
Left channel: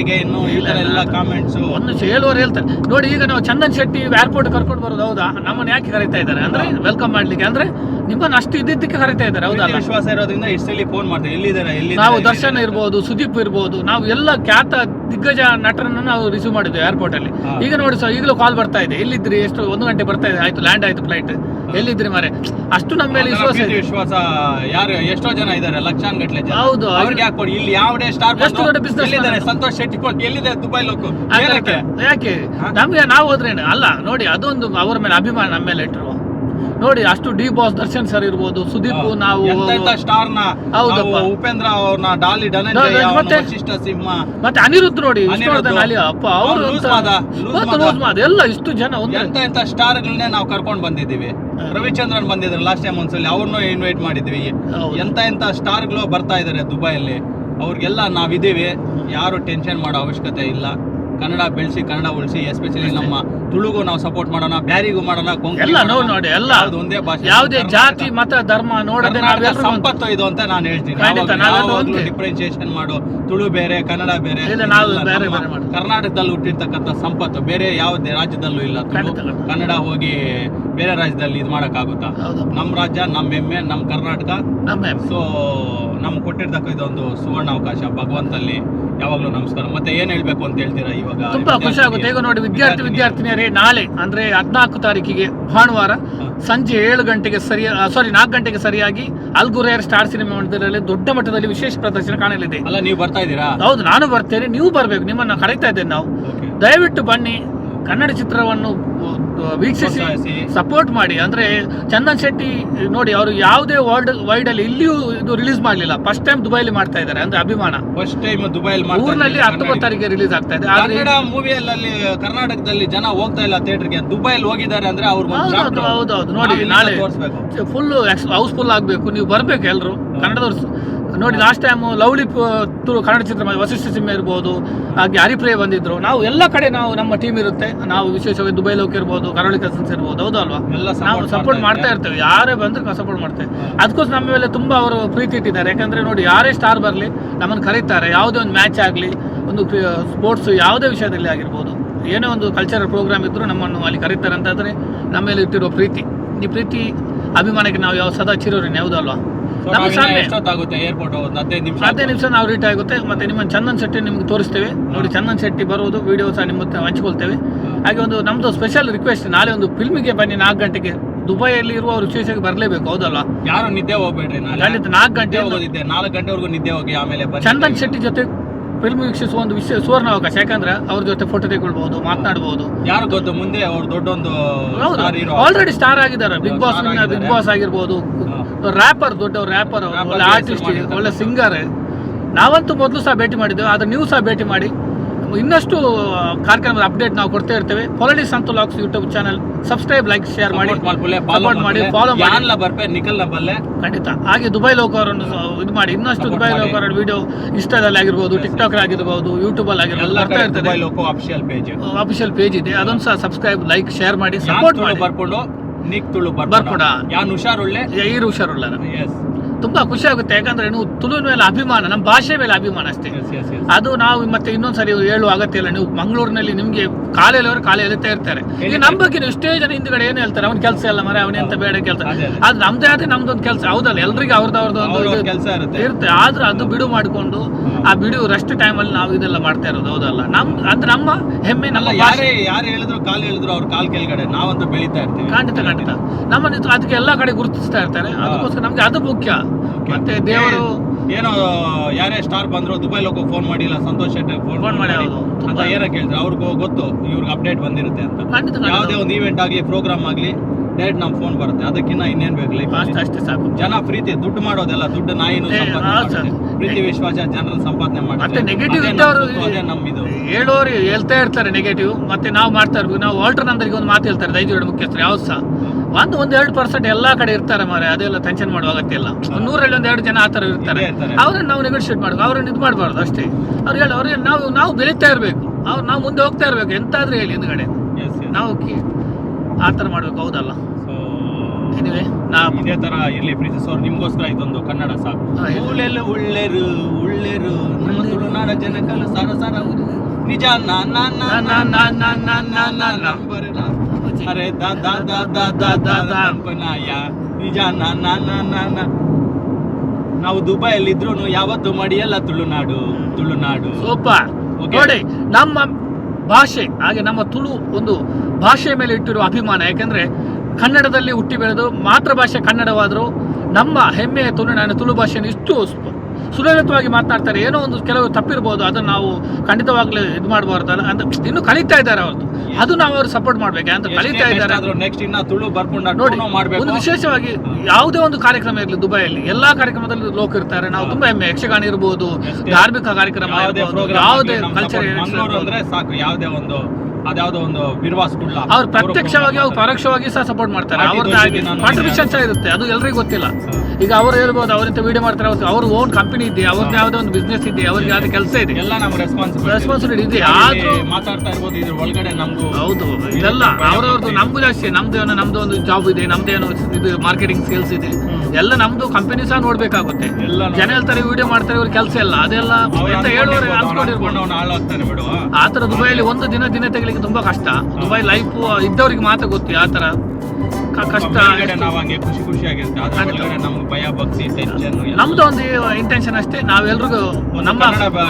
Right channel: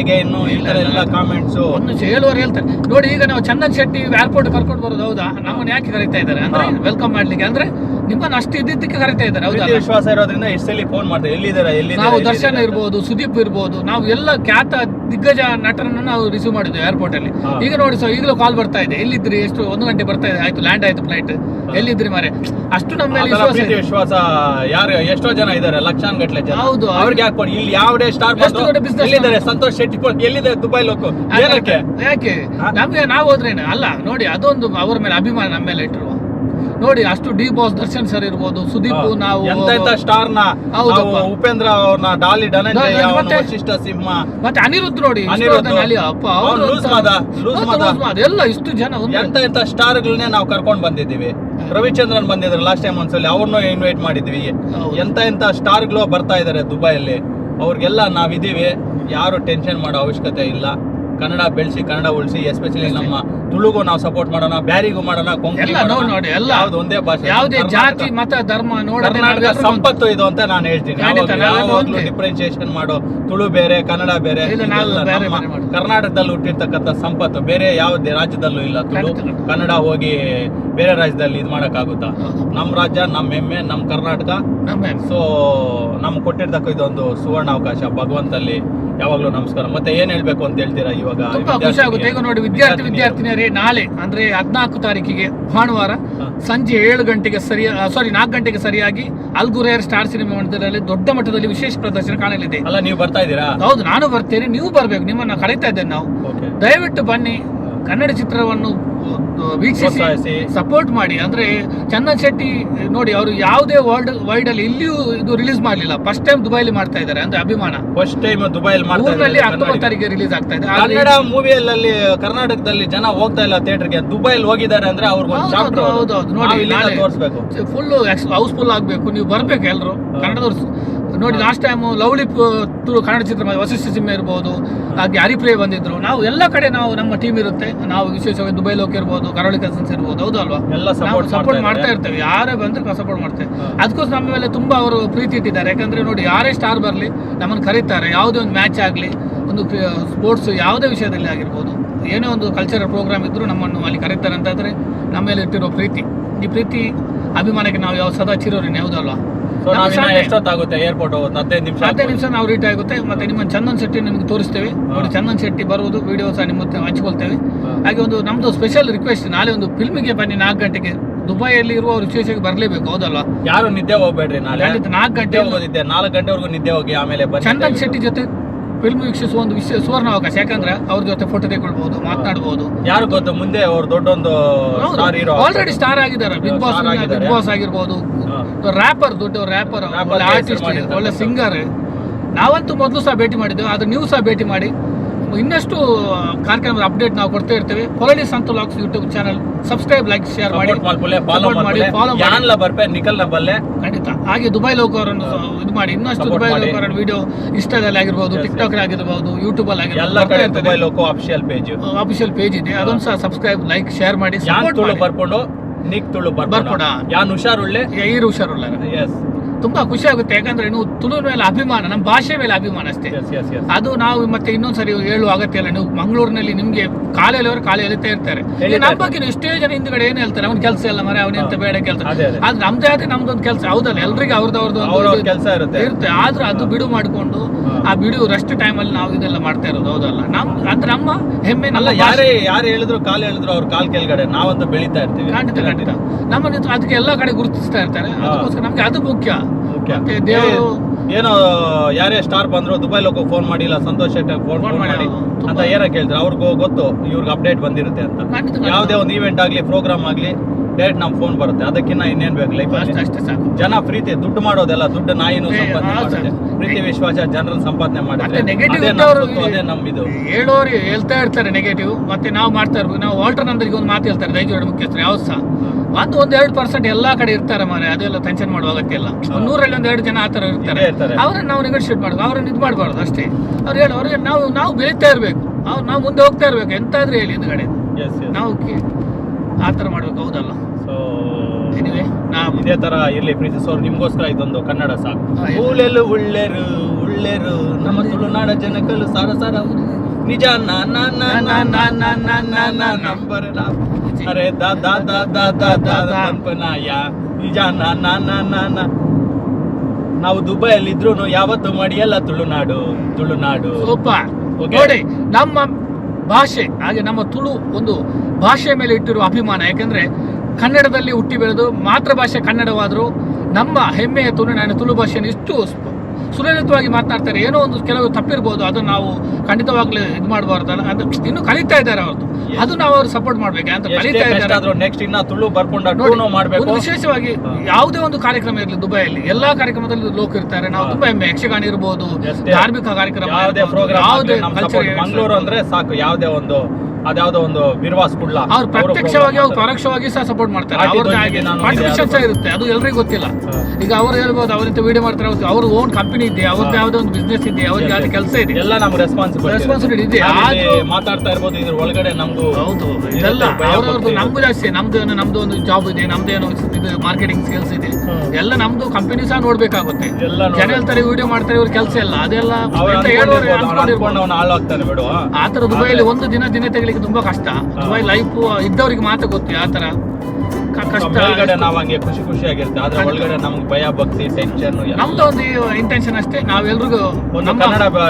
ಅಗೇನ್ ಈ ತರ ಎಲ್ಲ ಕಾಮೆಂಟ್ಸ್ ಒಂದು ಹೇಳುವವರು ಹೇಳ್ತಾರೆ ನೋಡಿ ಈಗ ನಾವು ಚಂದನ್ ಶೆಟ್ಟಿ ಏರ್ಪೋರ್ಟ್ ಕರ್ಕೊಂಡು ಬರೋದು ಹೌದಾ ನಮ್ಮನ್ನ ಯಾಕೆ ಕರೀತಾ ಇದ್ದಾರೆ ಅಂದ್ರೆ ವೆಲ್ಕಮ್ ಮಾಡ್ಲಿಕ್ಕೆ ಅಂದ್ರೆ ನಿಮ್ಮನ್ನ ಅಷ್ಟು ಇದ್ದಿದ್ದಕ್ಕೆ ಕರೀತಾ ಇದ್ದಾರೆ ಹೌದಾ ವಿಶ್ವಾಸ ಇರೋದ್ರಿಂದ ಇಷ್ಟಲ್ಲಿ ಫೋನ್ ಮಾಡ್ತಾರೆ ಎಲ್ಲಿದ್ದಾರೆ ನಾವು ದರ್ಶನ್ ಇರ್ಬೋದು ಸುದೀಪ್ ಇರ್ಬೋದು ನಾವು ಎಲ್ಲ ಖ್ಯಾತ ದಿಗ್ಗಜ ನಟರನ್ನು ನಾವು ರಿಸೀವ್ ಮಾಡಿದ್ವಿ ಏರ್ಪೋರ್ಟ್ ಅಲ್ಲಿ ಹಾ. ಈಗ ನೋಡಿ ಸರ್ ಈಗಲೂ ಕಾಲ್ ಬರ್ತಾ ಇದೆ ಎಲ್ಲಿದ್ರಿ ಎಷ್ಟು 1 ಗಂಟೆ ಬರ್ತಾ ಇದೆ ಆಯ್ತು ಲ್ಯಾಂಡ್ ಆಯ್ತು ಫ್ಲೈಟ್ ಎಲ್ಲಿದ್ರಿ ಮಾರೆ ಅಷ್ಟು ನಮ್ಮ ಮೇಲೆ ವಿಶ್ವಾಸ ಇದೆ ವಿಶ್ವಾಸ ಯಾರು ಎಷ್ಟೋ ಜನ ಇದ್ದಾರೆ ಲಕ್ಷಾನ್ಗಟ್ಲೆ ಜನ ಹೌದು, ಅವ್ರಿಗೆ ಯಾಕೆ ಕೊಡಿ ಇಲ್ಲಿ ಯಾವುದೇ ಸ್ಟಾರ್ ಎಷ್ಟು ದೊಡ್ಡ business ಎಲ್ಲಿದ್ದಾರೆ ಸಂತೋಷ್ ಶೆಟ್ಟಿ ಎಲ್ಲಿದ್ದಾರೆ ದುಬೈ ಲೋಕ ಏನಕ್ಕೆ ಯಾಕೆ ನಮ್ಗೆ ನಾವು ಹೋದ್ರೇನು ಅಲ್ಲ ನೋಡಿ ಅದೊಂದು ಅವರ ಮೇಲೆ ಅಭಿಮಾನ ನಮ್ಮ ಮೇಲೆ ಇಟ್ಟರು ನೋಡಿ ಅಷ್ಟು ಡಿ ಬಾಸ್ ದರ್ಶನ್ ಸರ್ ಇರ್ಬೋದು ಸುದೀಪ್ ನಾವು ಎಂತ ಸ್ಟಾರ್ ನ ಹೌದಪ್ಪ. ನಾವು ಉಪೇಂದ್ರ ಅವ್ರನ್ನ ಡಾಲಿ ಮತ್ತೆ? ವಶಿಷ್ಠ ಸಿಂಹ ಮತ್ತೆ ಅನಿರುದ್ಧ ನೋಡಿ ಅನಿರುದ್ಧ. ವಿಷ್ಣುವರ್ಧನ್ ಅಲಿ ಅಪ್ಪ ಅವರು ಲೂಸ್ ಮಾದ, ಲೂಸ್ ಮಾದ. ಎಲ್ಲ ಇಷ್ಟು ಜನ ಒಂದು ಎಂತ ಸ್ಟಾರ್ ಗಳನ್ನೇ ನಾವು ಕರ್ಕೊಂಡ್ ಬಂದಿದ್ದೀವಿ ರವಿಚಂದ್ರನ್ ಬಂದಿದ್ರು ಲಾಸ್ಟ್ ಟೈಮ್ ಒಂದ್ಸಲಿ ಅವ್ರನ್ನೂ ಇನ್ವೈಟ್ ಮಾಡಿದ್ವಿ ಹೌದು. ಎಂತ ಸ್ಟಾರ್ ಗಳು ಬರ್ತಾ ಇದಾರೆ ದುಬೈಯಲ್ಲಿ ಅವ್ರಿಗೆಲ್ಲ ನಾವಿದೀವಿ ಯಾರು ಟೆನ್ಷನ್ ಮಾಡೋ ಅವಶ್ಯಕತೆ ಇಲ್ಲ ಕನ್ನಡ ಬೆಳೆಸಿ ಕನ್ನಡ ಉಳಿಸಿ ಎಸ್ಪೆಷಲಿ ನಮ್ಮ ತುಳುಗೂ ನಾವು ಸಪೋರ್ಟ್ ಮಾಡೋಣ ಬ್ಯಾರಿಗೂ ಮಾಡೋಣ ಕೊಂಕಣಿ ಎಲ್ಲ ಮಾಡೋಣ. ನೋಡಿ ಎಲ್ಲ ಯಾವ್ದು ಒಂದೇ ಭಾಷೆ ಯಾವುದೇ ಕರ್ನಾಟಕ- ಜಾತಿ ಮತ ಧರ್ಮ ನೋಡದೆ ಕರ್ನಾಟಕ ನಾವೆಲ್ಲರೂ ಒಂದು- ಸಂಪತ್ತು ಇದು ಅಂತ ನಾನು ಹೇಳ್ತೀನಿ ಖಂಡಿತ, ನಾವೆಲ್ಲ ಒಂದೇ. ಡಿಫ್ರೆನ್ಸಿಯೇಷನ್ ಮಾಡೋ ತುಳು ಬೇರೆ ಕನ್ನಡ ಬೇರೆ ಇಲ್ಲ, ನಾವು ಇದೆಲ್ಲ ಬೇರೆ ನಮ್ಮ ಬೇರೆ ಮಾಡೋದು. ಕರ್ನಾಟಕದಲ್ಲಿ ಹುಟ್ಟಿರ್ತಕ್ಕಂಥ ಸಂಪತ್ತು ಬೇರೆ ಯಾವುದೇ ರಾಜ್ಯದಲ್ಲೂ ಇಲ್ಲ ತುಳು ಖಂಡಿತ, ಖಂಡಿತ. ಕನ್ನಡ ಹೋಗಿ ಬೇರೆ ರಾಜ್ಯದಲ್ಲಿ ಇದು ಮಾಡಕ್ಕಾಗುತ್ತಾ ಹೌದು. ನಮ್ಮ ರಾಜ್ಯ ನಮ್ಮ ಹೆಮ್ಮೆ ನಮ್ಮ ಕರ್ನಾಟಕ ನಮ್ಮ ಸೊ ನಮ್ಗೆ ಕೊಟ್ಟಿರ್ತಕ್ಕ ಇದೊಂದು ಸುವರ್ಣ ಅವಕಾಶ ಭಗವಂತಲ್ಲಿ ಯಾವಾಗ್ಲೂ ನಮಸ್ಕಾರ ಮತ್ತೆ ಏನ್ ಹೇಳ್ಬೇಕು ಅಂತ ಹೇಳ್ತೀರಾ ಇವಾಗ ತುಂಬಾ ಖುಷಿ ಆಗುತ್ತೆ ಈಗ ನೋಡಿ ವಿದ್ಯಾರ್ಥಿನಿಯರೇ ನಾಳೆ ಅಂದ್ರೆ 14 ತಾರೀಕಿಗೆ ಭಾನುವಾರ ಸಂಜೆ 7 ಗಂಟೆಗೆ 4 ಗಂಟೆಗೆ ಸರಿಯಾಗಿ ಅಲ್ಗುರೇರ್ ಸ್ಟಾರ್ ಸಿನಿಮಾ ಮಂದಿರದಲ್ಲಿ ದೊಡ್ಡ ಮಟ್ಟದಲ್ಲಿ ವಿಶೇಷ ಪ್ರದರ್ಶನ ಕಾಣಲಿದೆ ಅಲ್ಲ ನೀವು ಬರ್ತಾ ಇದ್ದೀರಾ ಹೌದು ನಾನು ಬರ್ತೇನೆ ನೀವು ಬರ್ಬೇಕು ನಿಮ್ಮನ್ನ ಕರೀತಾ ಇದ್ದೇನೆ ನಾವು Okay. ದಯವಿಟ್ಟು ಬನ್ನಿ ಕನ್ನಡ ಚಿತ್ರವನ್ನು ವೀಕ್ಷಿಸಿ ಪ್ರೋತ್ಸಾಹಿಸಿ. ಸಪೋರ್ಟ್ ಮಾಡಿ. ಅಂದ್ರೆ ಚಂದನ್ ಶೆಟ್ಟಿ ನೋಡಿ, ಅವರು ಯಾವುದೇ ವೈಡ್ ಅಲ್ಲಿ ಇಲ್ಲಿಯೂ ಇದು ರಿಲೀಸ್ ಮಾಡಲಿಲ್ಲ, ಫಸ್ಟ್ ಟೈಮ್ ದುಬೈಲಿ ಮಾಡ್ತಾ ಇದ್ದಾರೆ. ಅಂದ್ರೆ ಅಭಿಮಾನ ಫಸ್ಟ್ ಟೈಮ್ ದುಬೈಲಿ ಊರಿನಲ್ಲಿ 19 ತಾರೀಕಿಗೆ ರಿಲೀಸ್ ಆಗ್ತಾ ಇದೆ. ಆದ್ರೆ ಕನ್ನಡ ಮೂವಿಯಲ್ಲಿ ಕರ್ನಾಟಕದಲ್ಲಿ ಜನ ಹೋಗ್ತಾ ಇಲ್ಲ ಥಿಯೇಟರ್ಗೆ, ದುಬೈಲಿ ಹೋಗಿದ್ದಾರೆ ಅಂದ್ರೆ ಹೌದೌದು ನೋಡಿ, ನಾಳೆ ಫುಲ್ ಹೌಸ್ಫುಲ್ ಆಗಬೇಕು, ನೀವು ಬರಬೇಕು ಎಲ್ಲರೂ ಕನ್ನಡದವ್ರು. ನೋಡಿ ಲಾಸ್ಟ್ ಟೈಮ್ ಲವ್ಲಿ ಕನ್ನಡ ಚಿತ್ರ ವಸಿಷ್ಠ ಸಿಂಹ ಇರ್ಬೋದು, ಹಾಗೆ ಹರಿಪ್ರಿಯ ಬಂದಿದ್ರು. ನಾವು ಎಲ್ಲ ಕಡೆ ನಮ್ಮ ಟೀಮ್ ಇರುತ್ತೆ. ನಾವು ವಿಶೇಷವಾಗಿ ದುಬೈ ಲೋಕ ಇರ್ಬೋದು, ಕರಾವಳಿ ಕಸಿನ್ಸ್ ಇರ್ಬೋದು, ಹೌದು ಅಲ್ವಾ, ನಾವು ಸಪೋರ್ಟ್ ಮಾಡ್ತಾ ಇರ್ತೇವೆ. ಯಾರೇ ಬಂದ್ರೆ ಸಪೋರ್ಟ್ ಮಾಡ್ತೇವೆ. ಅದಕ್ಕೋಸ್ಕರ ನಮ್ಮ ಮೇಲೆ ತುಂಬಾ ಅವರು ಪ್ರೀತಿ ಇಟ್ಟಿದ್ದಾರೆ. ಯಾಕಂದ್ರೆ ನೋಡಿ, ಯಾರೇ ಸ್ಟಾರ್ ಬರಲಿ ನಮ್ಮನ್ನು ಕರೀತಾರೆ. ಯಾವುದೇ ಒಂದು ಮ್ಯಾಚ್ ಆಗಲಿ, ಒಂದು ಸ್ಪೋರ್ಟ್ಸ್ ಯಾವುದೇ ವಿಷಯದಲ್ಲಿ ಆಗಿರ್ಬೋದು, ಏನೇ ಒಂದು ಕಲ್ಚರಲ್ ಪ್ರೋಗ್ರಾಮ್ ಇದ್ರೂ ನಮ್ಮನ್ನು ಅಲ್ಲಿ ಕರೀತಾರೆ ಅಂತಂದ್ರೆ ನಮ್ಮ ಮೇಲೆ ಇಟ್ಟಿರೋ ಪ್ರೀತಿ. ಈ ಪ್ರೀತಿ ಅಭಿಮಾನಕ್ಕೆ ನಾವು ಯಾವ ಸದಾ ಚಿರೋರಿನಿ, ಹೌದಲ್ವಾ. ಎಷ್ಟೊತ್ತಾಗುತ್ತೆ ಏರ್ಪೋರ್ಟ್? 15 ನಿಮಿಷ ನಾವು ರೀಟ್ ಆಗುತ್ತೆ. ಮತ್ತೆ ನಿಮ್ಮ ಚಂದನ್ ಶೆಟ್ಟಿ ನಿಮ್ಗೆ ತೋರಿಸ್ತೇವೆ. ನೋಡಿ ಚಂದನ್ ಶೆಟ್ಟಿ ಬರುವುದು, ವಿಡಿಯೋ ಸಹ ನಿಮ್ಮ ಹಂಚ್ಕೊಳ್ತೇವೆ. ಹಾಗೆ ಒಂದು ನಮ್ದು ಸ್ಪೆಷಲ್ ರಿಕ್ವೆಸ್ಟ್, ನಾಳೆ ಒಂದು ಫಿಲ್ಮಿಗೆ ಬನ್ನಿ 4 ಗಂಟೆಗೆ. ದುಬೈಯಲ್ಲಿ ಇರುವವರು ವಿಶೇಷವಾಗಿ ಬರಲೇಬೇಕು, ಹೌದಲ್ವಾ. ಯಾರು ನಿದ್ದೆ ಹೋಗ್ಬೇಡ್ರಿ, ಖಂಡಿತ 4 ಗಂಟೆ 4 ಗಂಟೆವರೆಗೂ ನಿದ್ದೆ ಹೋಗಿ ಆಮೇಲೆ ಚಂದನ್ ಶೆಟ್ಟಿ ಜೊತೆ ಫಿಲ್ಮ್ ವೀಕ್ಷಿಸುವ ಒಂದು ಸುವರ್ಣ ಅವಕಾಶ. ಯಾಕಂದ್ರೆ ಅವ್ರ ಜೊತೆ ಫೋಟೋ ತೆಗೊಳ್ಬಹುದು, ಮಾತನಾಡಬಹುದು. ಯಾರು ಗೊತ್ತು ಮುಂದೆ ಅವ್ರು ದೊಡ್ಡೊಂದು ಆಲ್ರೆಡಿ ಸ್ಟಾರ್ ಆಗಿದ್ದಾರೆ. ಬಿಗ್ ಬಾಸ್ ಆಗಿರ್ಬೋದು, ರ್ಯಾಪರ್, ದೊಡ್ಡ ರ್ಯಾಪರ್, ಒಳ್ಳೆ ಆರ್ಟಿಸ್ಟ್, ಒಳ್ಳೆ ಸಿಂಗರ್. ನಾವಂತೂ ಮೊದಲು ಸಹ ಭೇಟಿ ಮಾಡಿದ್ದೇವೆ, ಆದ್ರೆ ನೀವು ಸಹ ಭೇಟಿ ಮಾಡಿ. ಇನ್ನಷ್ಟು ಕಾರ್ಯಕ್ರಮದ ಅಪ್ಡೇಟ್ ನಾವು ಕೊಡ್ತಾ ಇರ್ತೇವೆ. ಫಾಲೋ ಸಂತು ಲಾಕ್ಸ್ YouTube channel, subscribe, like, share ಮಾಡಿ, ಫಾಲೋ ಮಾಡಿ. ಖಂಡಿತ. ಹಾಗೆ ದುಬೈ ಲೋಕ ಅವರನ್ನು ಇದು ಮಾಡಿ. ಇನ್ನಷ್ಟು ದುಬೈ ಲೋಕ ಅವರ ವಿಡಿಯೋ ಇನ್ಸ್ಟಾದಲ್ಲಿ ಆಗಿರ್ಬೋದು, ಟಿಕ್ಟಾಕ್ ಆಗಿರ್ಬೋದು, ಯೂಟ್ಯೂಬ್ ಅಲ್ಲಿ ಆಗಿರ್ಬೋದು ಬರ್ತಾ ಇರ್ತದೆ. ಅಫಿಷಿಯಲ್ ಪೇಜ್ ಇದೆ, ಅದನ್ನು ಸಹ ಸಬ್ಸ್ಕ್ರೈಬ್, ಲೈಕ್, ಶೇರ್ ಮಾಡಿ, ಸಪೋರ್ಟ್ ಮಾಡಿ. ಬರ್ಕೊಡ ಹುಷಾರುಳ್ಳ. ತುಂಬಾ ಖುಷಿ ಆಗುತ್ತೆ. ಯಾಕಂದ್ರೆ ನೀವು ತುಳುವಿನ ಮೇಲೆ ಅಭಿಮಾನ, ನಮ್ಮ ಭಾಷೆ ಮೇಲೆ ಅಭಿಮಾನ ಅಷ್ಟೇ. ಅದು ನಾವು ಮತ್ತೆ ಇನ್ನೊಂದ್ಸರಿ ಹೇಳುವ ಅಗತ್ಯ ಇಲ್ಲ. ನೀವು ಮಂಗಳೂರಿನಲ್ಲಿ ನಿಮ್ಗೆ ಕಾಲ ಎಳಿತಾ ಇರ್ತಾರೆ. ಈಗ ನಮ್ಮ ಬಗ್ಗೆ ಎಷ್ಟೇ ಜನ ಹಿಂದ್ಗಡೆ ಏನು ಹೇಳ್ತಾರೆ, ಅವ್ನ ಕೆಲಸ ಎಲ್ಲ ಮರೆ, ಅವನೆಂತ ಬೇಡ ಕೆಲಸ. ಆದ್ರೆ ನಮ್ದೇ ಆದ್ರೆ ನಮ್ದೊಂದು ಕೆಲಸ, ಹೌದಲ್ಲ. ಎಲ್ರಿಗೂ ಅವ್ರದ್ದು ಕೆಲಸ ಇರುತ್ತೆ. ಆದ್ರೂ ಅದು ಬಿಡು ಮಾಡಿಕೊಂಡು ಆ ಬಿಡು ರೆಸ್ಟ್ ಟೈಮಲ್ಲಿ ನಾವು ಇದೆಲ್ಲ ಮಾಡ್ತಾ ಇರೋದು, ಹೌದಲ್ಲ. ಅದು ನಮ್ಮ ಹೆಮ್ಮೆ. ನಮ್ಮ ಯಾರು ಹೇಳಿದ್ರು ಅವ್ರ ಕಾಲ್ ಕೆಳಗಡೆ ನಾವಂತೂ ಬೆಳೀತಾ ಇರ್ತೀವಿ. ಖಂಡಿತ ನಮ್ಮನ್ನು ಅದಕ್ಕೆ ಎಲ್ಲ ಕಡೆ ಗುರುತಿಸ್ತಾ ಇರ್ತಾರೆ. ಅದಕ್ಕೋಸ್ಕರ ನಮ್ಗೆ ಅದು ಮುಖ್ಯ. ಮತ್ತೆ ದೇವರು ಏನೋ ಯಾರೇ ಸ್ಟಾರ್ ಬಂದ್ರು ದುಬೈ ಲೋಕ ಫೋನ್ ಮಾಡಿಲ್ಲ, ಸಂತೋಷ್ ಶೆಟ್ಟಿ ಫೋನ್ ಮಾಡಿ ಅಂತ ಏನೋ ಕೇಳಿದ್ರು. ಅವ್ರಿಗೂ ಗೊತ್ತು ಇವ್ರಿಗೆ ಅಪ್ಡೇಟ್ ಬಂದಿರುತ್ತೆ ಅಂತ. ಯಾವುದೇ ಒಂದು ಈವೆಂಟ್ ಆಗ್ಲಿ, ಪ್ರೋಗ್ರಾಮ್ ಆಗ್ಲಿ, ಡೈರೆಕ್ಟ್ ನಮ್ ಫೋನ್ ಬರುತ್ತೆ. ಅದಕ್ಕಿಂತ ಇನ್ನೇನ್ ಬೇಕು ಲೈಫ್? ಅಷ್ಟೇ ಸಾಕು. ಜನ ಪ್ರೀತಿ, ದುಡ್ಡು ಮಾಡೋದೆಲ್ಲ, ದುಡ್ಡು ನಾಯಿನೂ ಪ್ರೀತಿ ವಿಶ್ವಾಸ ಜನರ ಸಂಪಾದನೆ ಮಾಡಿ. ಮತ್ತೆ ನೆಗೆಟಿವ್ ನಮ್ಮಿದು ಹೇಳೋರು ಹೇಳ್ತಾ ಇರ್ತಾರೆ ನೆಗೆಟಿವ್. ಮತ್ತೆ ನಾವು ಮಾಡ್ತಾ ಇರ್ಬೇಕು. ನಾವು ವಾಲ್ಟರ್ ನಂದರಿಗೆ ಒಂದು ಮಾತು ಹೇಳ್ತಾರೆ, ದೈಜೋಡ ಮುಖ್ಯಸ್ಥರು ಯಾವ್ದು ಸಹ 1-2% ಎಲ್ಲಾ ಕಡೆ ಇರ್ತಾರೆ ಮಾರೆ. ಅದೆಲ್ಲ ಟೆನ್ಷನ್ ಮಾಡುವ ಅಗತ್ಯ ಇಲ್ಲ. 100ರಲ್ಲಿ 1-2 ಜನ ಆತರ ಇರ್ತಾರೆ. ಅವ್ರನ್ನ ನಾವು ನೆಗೋಷಿಯೇಟ್ ಮಾಡ್ಬೇಕು, ಅವ್ರನ್ನ ಇದು ಮಾಡಬಾರ್ದು ಅಷ್ಟೇ. ಅವ್ರಿಗೆ ನಾವು ಬೆಳೀತಾ ಇರ್ಬೇಕು, ನಾವು ಮುಂದೆ ಹೋಗ್ತಾ ಇರ್ಬೇಕು. ಎಂತಾದ್ರೂ ಹೇಳಿ ಹಿಂದ್ಗಡೆ ನಾವು ಆ ಥರ ಮಾಡ್ಬೇಕು, ಹೌದಲ್ಲ. ಎನಿವೆ ಇದೇ ತರ ಇರ್ಲಿ. ಪ್ರೀತಿಸೋರು ನಿಮ್ಗೋಸ್ಕರ ಇದೊಂದು ಕನ್ನಡ ಸಾಕು. ಉಳ್ಳೆರು ನಮ್ಮ ತುಳುನಾಡ ಜನಕಲು ಸಾರ ಸಾರ ನಿಜ ಅರೆ ನಿಜ ನಾವು ದುಬೈಯಲ್ಲಿ ಇದ್ರು ಯಾವತ್ತು ಮಾಡಿಯಲ್ಲ ತುಳುನಾಡು. ಸೂಪರ್. ನೋಡಿ ನಮ್ಮ ಭಾಷೆ, ಹಾಗೆ ನಮ್ಮ ತುಳು ಒಂದು ಭಾಷೆ ಮೇಲೆ ಇಟ್ಟಿರುವ ಅಭಿಮಾನ. ಯಾಕಂದ್ರೆ ಕನ್ನಡದಲ್ಲಿ ಹುಟ್ಟಿ ಬೆಳೆದು ಮಾತೃಭಾಷೆ ಕನ್ನಡವಾದರೂ ನಮ್ಮ ಹೆಮ್ಮೆಯ ತುಳು ಭಾಷೆಯನ್ನು ಇಷ್ಟು ಸುಲಲಿತವಾಗಿ ಮಾತನಾಡ್ತಾರೆ. ಏನೋ ಒಂದು ಕೆಲವು ತಪ್ಪಿರ್ಬೋದು, ಅದನ್ನು ನಾವು ಖಂಡಿತವಾಗ್ಲೂ ಇದು ಮಾಡಬಾರ್ದಲ್ಲ. ಅದು ಇನ್ನೂ ಕಲಿತಾ ಇದ್ದಾರೆ ಅವ್ರದ್ದು, ಅದು ನಾವು ಅವ್ರು ಸಪೋರ್ಟ್ ಮಾಡ್ಬೇಕು ಅಂತ ಕಲಿತಾ ಇದ್ದಾರೆ. ಒಂದು ವಿಶೇಷವಾಗಿ ಯಾವುದೇ ಒಂದು ಕಾರ್ಯಕ್ರಮ ಇರಲಿ ದುಬೈಯಲ್ಲಿ, ಎಲ್ಲಾ ಕಾರ್ಯಕ್ರಮದಲ್ಲಿ ಲೋಕ ಇರ್ತಾರೆ. ನಾವು ತುಂಬಾ ಹೆಮ್ಮೆ. ಯಕ್ಷಗಾನ ಇರ್ಬೋದು, ಧಾರ್ಮಿಕ ಕಾರ್ಯಕ್ರಮ, ಯಾವುದೇ ಕಲ್ಚರ್ ಅಂದ್ರೆ ಸಾಕು. ಯಾವುದೇ ಒಂದು ಅದ್ಯಾವುದೋ ಒಂದು ಬಿರ್ವಾಸ್ ಕುಡ್ಲ ಅವ್ರು ಪ್ರತ್ಯಕ್ಷವಾಗಿ ಅವ್ರು ಪರೋಕ್ಷವಾಗಿ ಸಹ ಸಪೋರ್ಟ್ ಮಾಡ್ತಾರೆ. ಅವ್ರದ್ದು ಹಾಗೆ ಕಾಂಟ್ರಿಬ್ಯೂಷನ್ ಸಹ ಇರುತ್ತೆ, ಅದು ಎಲ್ರಿಗೂ ಗೊತ್ತಿಲ್ಲ. ಈಗ ಅವ್ರು ಹೇಳ್ಬೋದು, ಅವರಿಂತ ವಿಡಿಯೋ ಮಾಡ್ತಾರೆ, ಅವ್ರ ಓನ್ ಕಂಪನಿ ಇದೆ, ಅವ್ರದ್ದು ಯಾವುದೋ ಒಂದು ಬಿಸ್ನೆಸ್ ಇದೆ, ಅವ್ರಿಗೆ ಯಾವ್ದು ಕೆಲಸ ಇದೆ, ಎಲ್ಲ ನಮ್ಮ ರೆಸ್ಪಾನ್ಸಿಬಿಲಿಟಿ ಇದೆ. ಮಾತಾಡ್ತಾ ಇರ್ಬೋದು, ಇದ್ರ ಒಳಗಡೆ ನಮ್ದು ಹೌದು ಇದೆಲ್ಲ ಅವ್ರವ್ರದ್ದು. ನಮ್ದು ಜಾಸ್ತಿ, ನಮ್ದು ಒಂದು ಜಾಬ್ ಇದೆ, ನಮ್ದೇನೋ ಇದು ಮಾರ್ಕೆಟಿಂಗ್ ಸೇಲ್ಸ್ ಇದೆ, ಎಲ್ಲ ನಮ್ದು ಕಂಪನಿ ಸಹ ನೋಡ್ಬೇಕಾಗುತ್ತೆ. ಜನ ಹೇಳ್ತಾರೆ ವಿಡಿಯೋ ಮಾಡ್ತಾರೆ, ಇವ್ರ ಕೆಲಸ ಇಲ್ಲ, ಅದೆಲ್ಲ ಎಂತ ಹೇಳುವವರು ಅನ್ಸ್ಕೊಂಡಿರ್ಬೋದು. ಆತರ ದುಬೈಯಲ್ಲಿ ಒಂದು ದಿನ ತೆಗಿಲಿಕ್ಕೆ ತುಂಬಾ ಕಷ್ಟ. ದುಬೈ ಲೈಫ್ ಇದ್ದವ್ರಿಗೆ ಮಾತ್ರ ಗೊತ್ತು. ಆ ತರ ಕಷ್ಟ ಹೊರಗಡೆ ನಾವು ಹಂಗೆ ಖುಷಿಯಾಗಿರುತ್ತೆ, ಆದ್ರೆ ಒಳಗಡೆ ನಮ್ಗೆ ಭಯ ಭಕ್ತಿ ಟೆನ್ಷನ್. ನಮ್ದು ಒಂದು ಇಂಟೆನ್ಷನ್ ಅಷ್ಟೇ, ನಾವೆಲ್ರಿಗೂ ನಮ್ಮ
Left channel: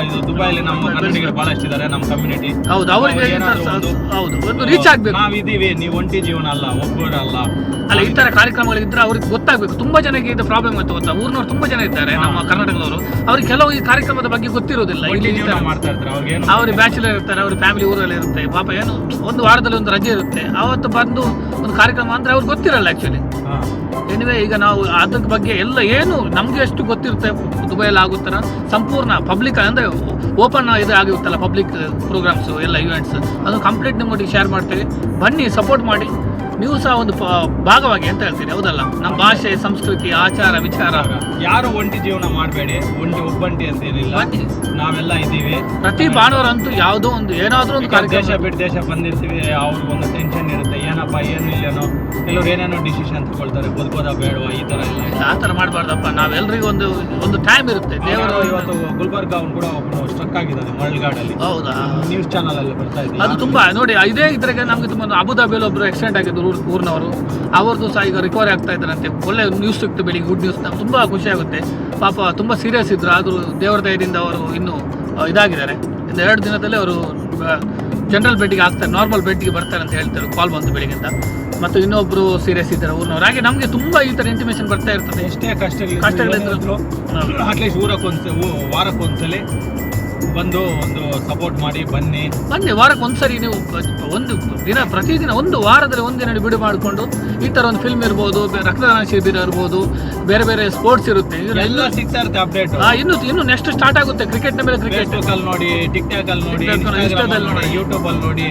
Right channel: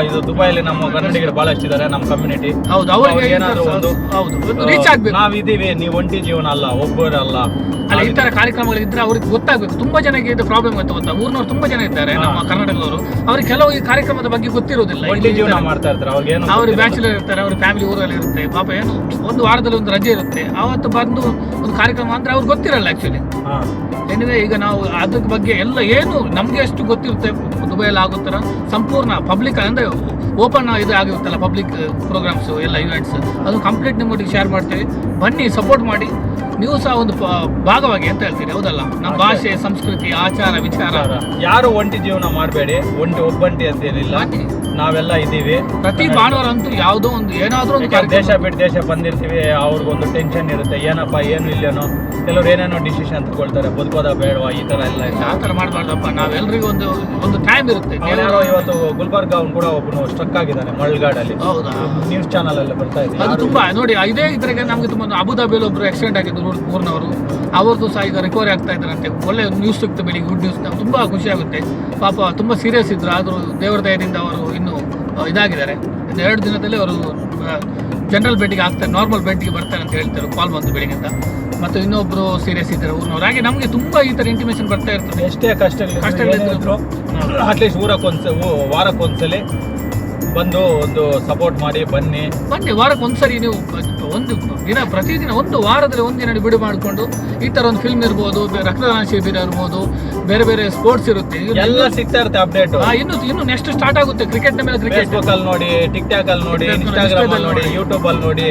ಇದು ದುಬೈಲಿ ನಮ್ಮ ಕನ್ನಡಿಗರು ಬಹಳಷ್ಟು ಇದ್ದಾರೆ, ನಮ್ಮ ಕಮ್ಯುನಿಟಿ. ಹೌದು, ಅವ್ರಿಗೆ ಹೌದು ಒಂದು ರೀಚ್ ಆಗ್ಬೇಕು. ನಾವಿದ್ದೀವಿ, ನೀವು ಒಂಟಿ ಜೀವನ ಅಲ್ಲ, ಒಬ್ಬರಲ್ಲ. ಅಲ್ಲ, ಈ ತರ ಕಾರ್ಯಕ್ರಮಗಳಿದ್ರೆ ಅವ್ರಿಗೆ ಗೊತ್ತಾಗ್ಬೇಕು. ತುಂಬಾ ಜನಕ್ಕೆ ಇದು ಪ್ರಾಬ್ಲಮ್ ಗೊತ್ತಾ, ಊರ್ನವ್ರು ತುಂಬಾ ಜನ ಇದ್ದಾರೆ ನಮ್ಮ ಕರ್ನಾಟಕದವರು, ಅವ್ರಿಗೆ ಕೆಲವು ಈ ಕಾರ್ಯಕ್ರಮದ ಬಗ್ಗೆ ಗೊತ್ತಿರೋದಿಲ್ಲ. ಮಾಡ್ತಾ ಇರ್ತಾರೆ, ಅವ್ರಿಗೆ ಬ್ಯಾಚುಲರ್ ಇರ್ತಾರೆ, ಅವ್ರ ಫ್ಯಾಮಿಲಿ ಊರಲ್ಲಿ ಇರುತ್ತೆ, ಪಾಪ ಏನು ಒಂದು ವಾರದಲ್ಲಿ ಒಂದು ರಜೆ ಇರುತ್ತೆ, ಅವತ್ತು ಬಂದು ಒಂದು ಕಾರ್ಯಕ್ರಮ ಅಂದ್ರೆ ಅವ್ರಿಗೆ ಗೊತ್ತಿರಲ್ಲ ಆಕ್ಚುಲಿ. ಎನಿವೆ, ಈಗ ನಾವು ಅದ್ರ ಬಗ್ಗೆ ಎಲ್ಲ ಏನು ನಮ್ಗೆ ಎಷ್ಟು ಗೊತ್ತಿರುತ್ತೆ ದುಬೈಯಲ್ಲಿ ಆಗುತ್ತರ ಸಂಪೂರ್ಣ ಪಬ್ಲಿಕ್ ಅಂದ್ರೆ ಓಪನ್ ಇದು ಆಗಿರುತ್ತಲ್ಲ, ಪಬ್ಲಿಕ್ ಪ್ರೋಗ್ರಾಮ್ಸ್ ಎಲ್ಲ ಇವೆಂಟ್ಸ್, ಅದು ಕಂಪ್ಲೀಟ್ ನಿಮ್ಮೊಟ್ಟಿಗೆ ಶೇರ್ ಮಾಡ್ತೀವಿ. ಬನ್ನಿ, ಸಪೋರ್ಟ್ ಮಾಡಿ, ನೀವು ಸಹ ಒಂದು ಭಾಗವಾಗಿ ಅಂತ ಹೇಳ್ತೀರಿ, ಹೌದಲ್ಲ? ನಮ್ಮ ಭಾಷೆ, ಸಂಸ್ಕೃತಿ, ಆಚಾರ, ವಿಚಾರ. ಯಾರು ಒಂಟಿ ಜೀವನ ಮಾಡಬೇಡಿ, ಒಬ್ಬಂಟಿ ಅಂತ ಏನಿಲ್ಲ, ನಾವೆಲ್ಲ ಇದ್ದೀವಿ. ಪ್ರತಿ ಭಾನುವಾರ ಅಂತೂ ಯಾವುದೋ ಒಂದು ಏನಾದ್ರೂ ಒಂದು ಕಾರ್ಯಕ್ರಮ. ದೇಶ ಬಿಟ್ಟು ದೇಶ ಬಂದಿರ್ತೀವಿ, ಅವ್ರಿಗೊಂದು ಟೆನ್ಷನ್ ಇರುತ್ತೆ, ಏನಪ್ಪ ಏನು ಇಲ್ಲೇನೋ, ಕೆಲವ್ರು ಏನೇನೋ ಡಿಸಿಷನ್ ತಗೊಳ್ತಾರೆ, ಬದುಕೋದ ಬೇಡವಾ, ಈ ತರ ಎಲ್ಲ. ಆ ಥರ ಮಾಡಬಾರ್ದಪ್ಪ, ನಾವೆಲ್ಲರಿಗೂ ಒಂದು ಟೈಮ್ ಇರುತ್ತೆ. ದೇವರು ಇವತ್ತು ಗುಲ್ಬರ್ಗ ಅವ್ನು ಕೂಡ ಒಬ್ಬನು ಸ್ಟ್ರಕ್ ಆಗಿದ್ದಾನೆ ಮಳ್ಗಾಡಲ್ಲಿ. ಹೌದಾ? ನ್ಯೂಸ್ ಚಾನಲ್ ಅಲ್ಲಿ ಬರ್ತಾ ಇದೆ. ಅದು ತುಂಬಾ ನೋಡಿ, ಇದೇ ಇದ್ರಾಗೆ ನಮ್ಗೆ ತುಂಬ ಅಬುದಾಬಿಯಲ್ಲಿ ಒಬ್ರು ಆಕ್ಸಿಡೆಂಟ್ ಆಗಿದ್ದು ಊರಿನವರು, ಅವ್ರದ್ದು ಸಹ ಈಗ ರಿಕವರಿ ಆಗ್ತಾ ಇದ್ದಾರಂತೆ. ಒಳ್ಳೆ ನ್ಯೂಸ್ ಸಿಕ್ತು ಬೆಳಿಗ್ಗೆ, ಗುಡ್ ನ್ಯೂಸ್. ನಮ್ಗೆ ತುಂಬ ಖುಷಿ ಆಗುತ್ತೆ. ಪಾಪ ತುಂಬ ಸೀರಿಯಸ್ ಇದ್ರು, ಆದರೂ ದೇವರ ದಯದಿಂದ ಅವರು ಇನ್ನೂ ಇದಾಗಿದ್ದಾರೆ. ಇನ್ನು 2 ದಿನದಲ್ಲಿ ಅವರು ಜನರಲ್ ಬೆಡ್ಗೆ ಆಗ್ತಾರೆ, ನಾರ್ಮಲ್ ಬೆಡ್ಗೆ ಬರ್ತಾರೆ ಅಂತ ಹೇಳ್ತಾರೆ, ಕಾಲ್ ಬಂತು ಬೆಳಿಗ್ಗೆಂದ. ಮತ್ತು ಇನ್ನೊಬ್ರು ಸೀರಿಯಸ್ ಇದ್ದಾರೆ ಊರಿನವ್ರು. ಹಾಗೆ ನಮಗೆ ತುಂಬ ಈ ಥರ ಇಂಟಿಮೇಷನ್ ಬರ್ತಾ ಇರ್ತದೆ. ಎಷ್ಟೇ ಕಷ್ಟಗಳಿದ್ರು ಅಟ್ಲೀಸ್ಟ್ ವಾರಕ್ಕೊಂದ್ಸಲಿ ಬಂದು ಒಂದು ಸಪೋರ್ಟ್ ಮಾಡಿ ಬನ್ನಿ. ವಾರಕ್ಕೆ ಒಂದ್ಸರಿ ನೀವು ಒಂದು ದಿನ, ಪ್ರತಿದಿನ ಒಂದು ವಾರದಲ್ಲಿ ಒಂದಿನ ಬಿಡು ಮಾಡಿಕೊಂಡು ಈ ತರ ಒಂದು ಫಿಲ್ಮ್ ಇರ್ಬೋದು, ರಕ್ತದಾನ ಶಿಬಿರ ಇರ್ಬೋದು, ಬೇರೆ ಬೇರೆ ಸ್ಪೋರ್ಟ್ಸ್ ಇರುತ್ತೆ, ಎಲ್ಲ ಸಿಗ್ತಾ ಇರುತ್ತೆ ಅಪ್ಡೇಟ್. ಇನ್ನು ನೆಕ್ಸ್ಟ್ ಸ್ಟಾರ್ಟ್ ಆಗುತ್ತೆ. ಕ್ರಿಕೆಟ್ ಮೇಲೆ ಕ್ರಿಕೆಟ್ ಅಲ್ಲಿ ನೋಡಿ, ಟಿಕ್ ಟಾಕ್ ಅಲ್ಲಿ ನೋಡಿ, ಇನ್ಸ್ಟಾಗ್ರಾಮ್ ಅಲ್ಲಿ ನೋಡಿ, ಯೂಟ್ಯೂಬ್ ಅಲ್ಲಿ ನೋಡಿ,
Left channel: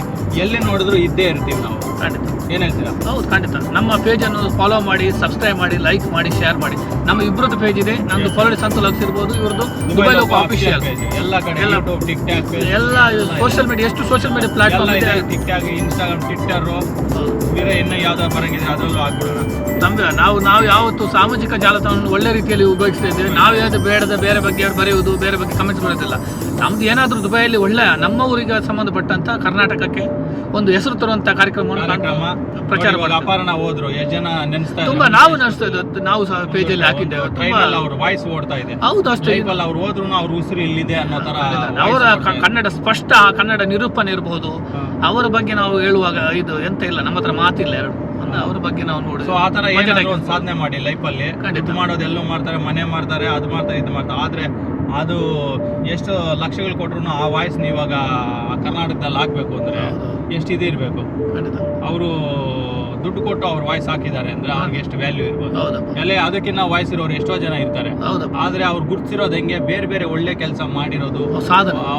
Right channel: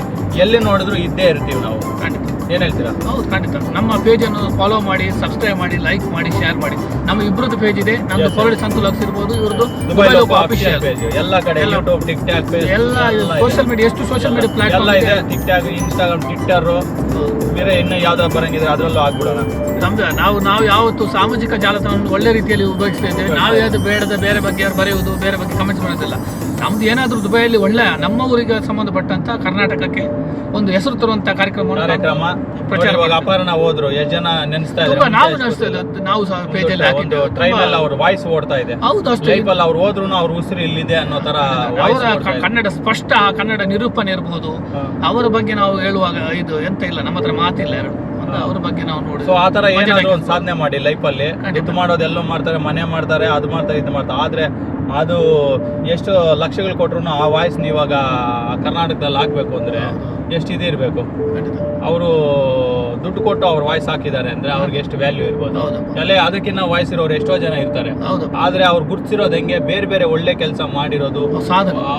ಎಲ್ಲಿ ನೋಡಿದ್ರು ಇದ್ದೇ ಇರ್ತೀವಿ ನಾವು. ಖಂಡಿತ. ಏನ್ ಹೇಳ್ತೀರಾ? ಹೌದು, ಖಂಡಿತ. ನಮ್ಮ ಪೇಜ್ ಅನ್ನು ಫಾಲೋ ಮಾಡಿ, ಸಬ್ಸ್ಕ್ರೈಬ್ ಮಾಡಿ, ಲೈಕ್ ಮಾಡಿ, ಶೇರ್ ಮಾಡಿ. ನಮ್ಮ ಇಬ್ಬರದ್ದು ಪೇಜ್ ಇದೆ, ನಮ್ದು ಕೊರಳಿ ಸಂತೋಲಕ್ಸ್ ಇರ್ಬೋದು, ಇವ್ರದ್ದು ದುಬೈ ಲೋಕೋ ಅಫಿಷಿಯಲ್ ಪೇಜ್. ಎಲ್ಲ ಕಡೆ ಯೂಟ್ಯೂಬ್, ಟಿಕ್ ಟಾಕ್, ಎಲ್ಲ ಸೋಷಿಯಲ್ ಮೀಡಿಯಾ, ಎಷ್ಟು ಸೋಷಿಯಲ್ ಮೀಡಿಯಾ ಪ್ಲಾಟ್ಫಾರ್ಮ್ ಇದೆ. ಟಿಕ್ ಟಾಕ್, ಇನ್ಸ್ಟಾಗ್ರಾಮ್, ಟ್ವಿಟ್ಟರ್, ಬೇರೆ ಇನ್ನು ಯಾವ್ದಾದ್ರು ಬರಂಗಿದ್ರೆ ಅದರಲ್ಲೂ ಆಗ್ಬಿಡೋಣ. ನಮ್ಗೆ ನಾವು ಯಾವತ್ತು ಸಾಮಾಜಿಕ ಜಾಲತಾಣವನ್ನು ಒಳ್ಳೆ ರೀತಿಯಲ್ಲಿ ಉಪಯೋಗಿಸ್ತಾ ಇದ್ದೇವೆ. ನಾವು ಯಾವ್ದು ಬೇಡದ ಬೇರೆ ಬಗ್ಗೆ ಬರೆಯುವುದು, ಬೇರೆ ಬಗ್ಗೆ ಕಮೆಂಟ್ಸ್ ಮಾಡೋದಿಲ್ಲ. ನಮ್ದು ಏನಾದರೂ ದುಬೈಯಲ್ಲಿ ಒಳ್ಳೆ ನಮ್ಮ ಊರಿಗೆ ಸಂಬಂಧಪಟ್ಟಂತ ಕರ್ನಾಟಕಕ್ಕೆ ಒಂದು ಹೆಸರು ತರುವಂತ ಕಾರ್ಯಕ್ರಮ ಪ್ರಚಾರ. ಅಪರ್ಣ ಹೋದ್ರು, ಎಷ್ಟು ಜನ ನೆನೆಸ್ತಾ ತುಂಬಾ, ನಾವು ನಾವು ಸಹ ಪೇಜಲ್ಲಿ ಹಾಕಿದ್ದೇವೆ. ಅವ್ರ ವಾಯ್ಸ್ ಓಡ್ತಾ ಇದೆ. ಹೌದು, ಅಷ್ಟೇ. ಅವ್ರು ಹೋದ್ರು ಅವ್ರ ಉಸಿರು ಇಲ್ಲಿದೆ ಅನ್ನೋ ತರ ಅವರ ಕನ್ನಡ ಸ್ಪಷ್ಟ, ಕನ್ನಡ ನಿರೂಪಣೆ ಇರಬಹುದು. ಅವರ ಬಗ್ಗೆ ನಾವು ಹೇಳುವಾಗ ಇದು ಎಂತ ಇಲ್ಲ, ನಮ್ಮ ಹತ್ರ ಮಾತಿಲ್ಲ ಎರಡು. ಅವ್ರ ಬಗ್ಗೆ ನಾವು ನೋಡಿ ಆ ತರ ಒಂದು ಸಾಧನೆ ಮಾಡಿ ಲೈಫ್ ಅಲ್ಲಿ. ಇದು ಮಾಡೋದು ಎಲ್ಲೋ ಮಾಡ್ತಾರೆ, ಮನೆ ಮಾಡ್ತಾರೆ, ಅದು ಮಾಡ್ತಾರೆ, ಇದು ಮಾಡ್ತಾರೆ. ಆದ್ರೆ ಅದು ಎಷ್ಟು ಲಕ್ಷಗಳು ಕೊಟ್ರು ಆ ವಾಯ್ಸ್ ನೀವಾಗ ಕರ್ನಾಟಕದಲ್ಲಿ ಹಾಕ್ಬೇಕು ಅಂದ್ರೆ ಎಷ್ಟು ಇದು ಇರ್ಬೇಕು. ಅವರು ದುಡ್ಡು ಕೊಟ್ಟು ಅವ್ರ ವಾಯ್ಸ್ ಹಾಕಿದ್ದಾರೆ ಅಂದ್ರೆ ಅವ್ರಿಗೆ ಎಷ್ಟು ವ್ಯಾಲ್ಯೂ ಇರ್ಬೋದು. ಎಲ್ಲ ಅದಕ್ಕಿಂತ ವಾಯ್ಸ್ ಇರೋರು ಎಷ್ಟೋ ಜನ ಇರ್ತಾರೆ. ಆದ್ರೆ ಅವ್ರು ಗುರುತಿಸಿರೋದು ಹೆಂಗೆ, ಬೇರೆ ಬೇರೆ ಒಳ್ಳೆ ಕೆಲಸ ಮಾಡಿರೋದು,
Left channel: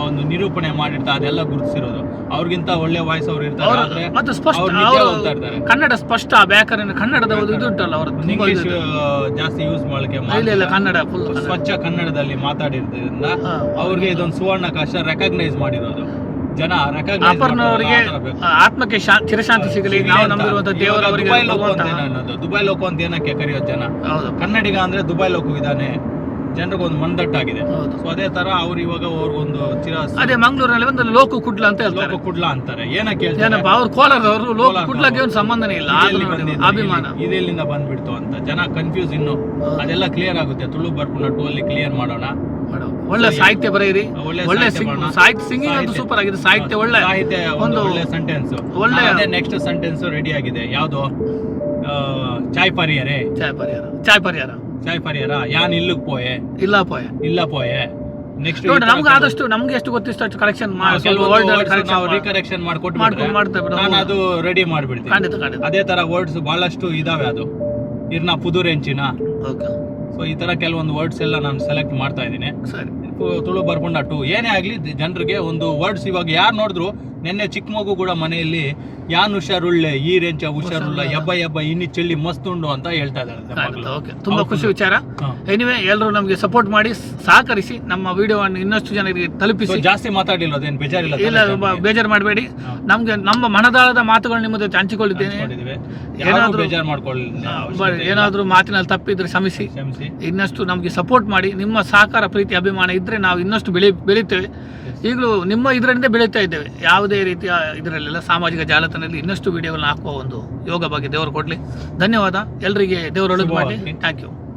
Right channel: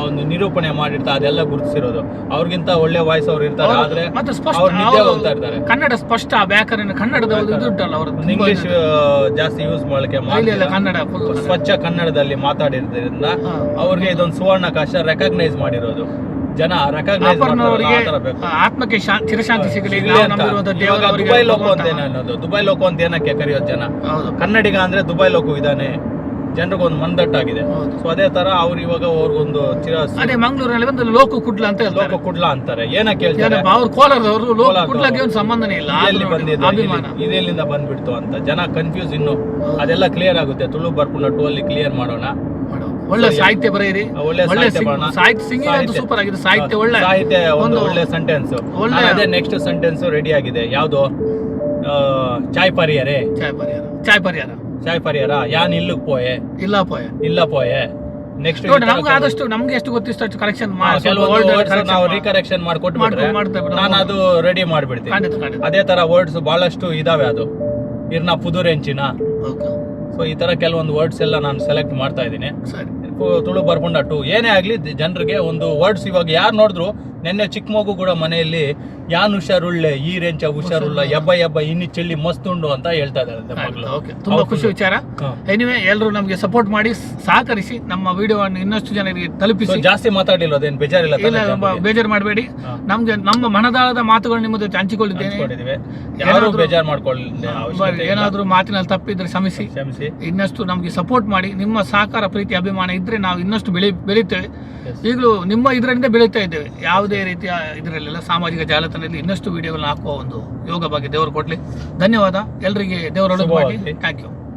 ಒಂದು ನಿರೂಪಣೆ ಮಾಡಿರ್ತಾರೆ, ಅದೆಲ್ಲ ಗುರುತಿಸಿರೋದು. ಅವ್ರಿಗಿಂತ ಒಳ್ಳೆ ವಾಯ್ಸ್ ಅವ್ರು ಇರ್ತಾರೆ. ಆದ್ರೆ ಇರ್ತಾರೆ. ಕನ್ನಡ ಸ್ಪಷ್ಟ, ವ್ಯಾಕರಣ ಕನ್ನಡದ ಇದು ಉಂಟಲ್ಲ, ಅವ್ರ ಇಂಗ್ಲಿಷ್ ಜಾಸ್ತಿ ಯೂಸ್ ಮಾಡಲಿಕ್ಕೆ, ಕನ್ನಡ ಸ್ವಚ್ಛ ಕನ್ನಡದಲ್ಲಿ ಮಾತಾಡಿರೋದ್ರಿಂದ ಅವ್ರಿಗೆ ಇದೊಂದು ಸುವರ್ಣಾವಕಾಶ ರೆಕಗ್ನೈಸ್ ಮಾಡಿರೋದು. ಜನ ಅಪರ್ಣವರಿಗೆ ಆತ್ಮಕ್ಕೆ ಚಿರಶಾಂತಿ ಸಿಗಲಿ. ದುಬೈ ಲೋಕ ಅಂತ ಏನಕ್ಕೆ ಕರೆಯೋದು ಜನ? ಕನ್ನಡಿಗ ಅಂದ್ರೆ ದುಬೈ ಲೋಕ ಇದಾನೆ, ಜನರಿಗೊಂದು ಮಂದಟ್ಟಾಗಿದೆ. ಸೊ ಅದೇ ತರ ಅವ್ರು ಇವಾಗ ಅವ್ರಿಗೊಂದು ಅದೇ ಮಂಗಳೂರಿನಲ್ಲಿ ಒಂದು ಲೋಕ ಕುಡ್ಲ ಅಂತ ಹೇಳ್ತಾರೆ. ಲೋಕ ಕುಡ್ಲ ಅಂತಾರೆ. ಏನಕ್ಕೆ ಹೇಳ್ತಾರೆ? ಅವ್ರು ಕೋಲಾರದವರು ಲೋಕ ಕುಡ್ಲಕ್ಕೆ ಒಂದು ಸಂಬಂಧನೇ ಇಲ್ಲ, ಅಭಿಮಾನ ಇದೆಲ್ಲಿಂದ ಬಂದ್ಬಿಡ್ತು ಅಂತ ಜನ ಕನ್ಫ್ಯೂಸ್. ಇನ್ನು ಅದೆಲ್ಲ ಕ್ಲಿಯರ್ ಆಗುತ್ತೆ. ತುಳು ಬರ್ಕೊಂಡು 2 ಅಲ್ಲಿ ಕ್ಲಿಯರ್ ಮಾಡೋಣ. ಒಳ್ಳೆ ಸಾಹಿತ್ಯ ಬರೆಯಿರಿ, ಒಳ್ಳೆ ಸಾಹಿತ್ಯ, ಸಿಂಗಿಂಗ್ ಅಂತೂ ಸೂಪರ್ ಆಗಿದೆ. ಸಾಹಿತ್ಯ ಒಳ್ಳೆ ಒಳ್ಳೆ ಸೆಂಟೆನ್ಸ್, ಒಳ್ಳೆ ನೆಕ್ಸ್ಟ್ ಸೆಂಟೆನ್ಸ್ ರೆಡಿ ಆಗಿದೆ. ಯಾವ್ದು? ಚಾಯ್ ಪರಿಯಾರೆ, ಚಾಯ್ ಪರಿಯಾರ ಯಾನ್ ಇಲ್ಲಕ್ ಪೋಯೆ, ಇಲ್ಲ ಪೋಯೆ. ನೆಕ್ಸ್ಟ್ ನಮ್ಗೆ ಆದಷ್ಟು ನಮ್ಗೆ ಎಷ್ಟು ಗೊತ್ತಿಷ್ಟು ಅಷ್ಟು ಕರೆಕ್ಷನ್ ರೀಕರೆಕ್ಷನ್ ಮಾಡ್ಕೊಟ್ಟು ನಾನು ಅದು ರೆಡಿ ಮಾಡ್ಬಿಡ್ತೀನಿ. ಅದೇ ತರ ವರ್ಡ್ಸ್ ಬಹಳಷ್ಟು ಇದಾವೆ. ಅದು ಇರ್ನ ಪುದುರೆಂಚಿನ, ಸೊ ಈ ತರ ಕೆಲವೊಂದು ವರ್ಡ್ಸ್ ಎಲ್ಲ ನಾನು ಸೆಲೆಕ್ಟ್ ಮಾಡ್ತಾ ಇದ್ದೀನಿ. ತುಳು ಬರ್ಕೊಂಡ 2 ಏನೇ ಆಗ್ಲಿ ಜನರಿಗೆ ಒಂದು ವರ್ಡ್ಸ್. ಇವಾಗ ಯಾರು ನೋಡಿದ್ರು, ನೆನ್ನೆ ಚಿಕ್ಕ ಮಗು ಕೂಡ ಮನೆಯಲ್ಲಿ ಯಾನ್ ಹುಷಾರುಳ್ಳೆ, ಈ ರೇಂಚ ಹುಷಾರುಳ್ಳ, ಎಬ್ಬ ಇನ್ನಿ ಚೆಲ್ಲಿ ಮಸ್ತ್ ಉಂಡು ಅಂತ ಹೇಳ್ತಾ ಇದ್ದಾರೆ. ತುಂಬಾ ಖುಷಿ ವಿಚಾರ. ಎನಿವೆ, ಎಲ್ಲರೂ ನಮ್ಗೆ ಸಪೋರ್ಟ್ ಮಾಡಿ, ಸಹಕರಿಸಿ, ನಮ್ಮ ವಿಡಿಯೋವನ್ನು ಇನ್ನಷ್ಟು ಜನರಿಗೆ ತಲುಪಿಸಿ. ಜಾಸ್ತಿ ಮಾತಾಡಿಲ್ಲ, ಅದೇನು ಬೇಜಾರಿಲ್ಲ. ಇಲ್ಲ, ಬೇಜಾರು ಮಾಡಬೇಡಿ. ನಮ್ಗೆ ನಮ್ಮ ಮನದಾಳದ ಮಾತುಗಳು ನಿಮ್ಮ ಜೊತೆ ಹಂಚಿಕೊಂಡಿದ್ದೇನೆ. ಏನಾದ್ರೂ ಮಾತಿನಲ್ಲಿ ತಪ್ಪಿದ್ರೆ ಕ್ಷಮಿಸಿ. ಇನ್ನಷ್ಟು ನಮ್ಗೆ ಸಪೋರ್ಟ್ ಮಾಡಿ. ನಿಮ್ಮ ಸಹಕಾರ, ಪ್ರೀತಿ, ಅಭಿಮಾನ ಇದ್ರೆ ನಾವು ಇನ್ನಷ್ಟು ಬೆಳಿತೇವೆ. ಈಗಲೂ ನಿಮ್ಮ ಇದರಿಂದ ಬೆಳೀತಾ ಇದ್ದೇವೆ. ಯಾವುದೇ ರೀತಿಯ ಇದರಲ್ಲೆಲ್ಲ ಸಾಮಾಜಿಕ ಜಾಲತಾಣದಲ್ಲಿ ಇನ್ನಷ್ಟು ವಿಡಿಯೋಗಳನ್ನ ಹಾಕುವ ಒಂದು ಯೋಗ ಬಗ್ಗೆ ದೇವರು ಕೊಡಲಿ. ಧನ್ಯವಾದ. ಎಲ್ಲರಿಗೆ ದೇವರು ಒಳ್ಳೇದು ಮಾಡಲಿ. Thank you.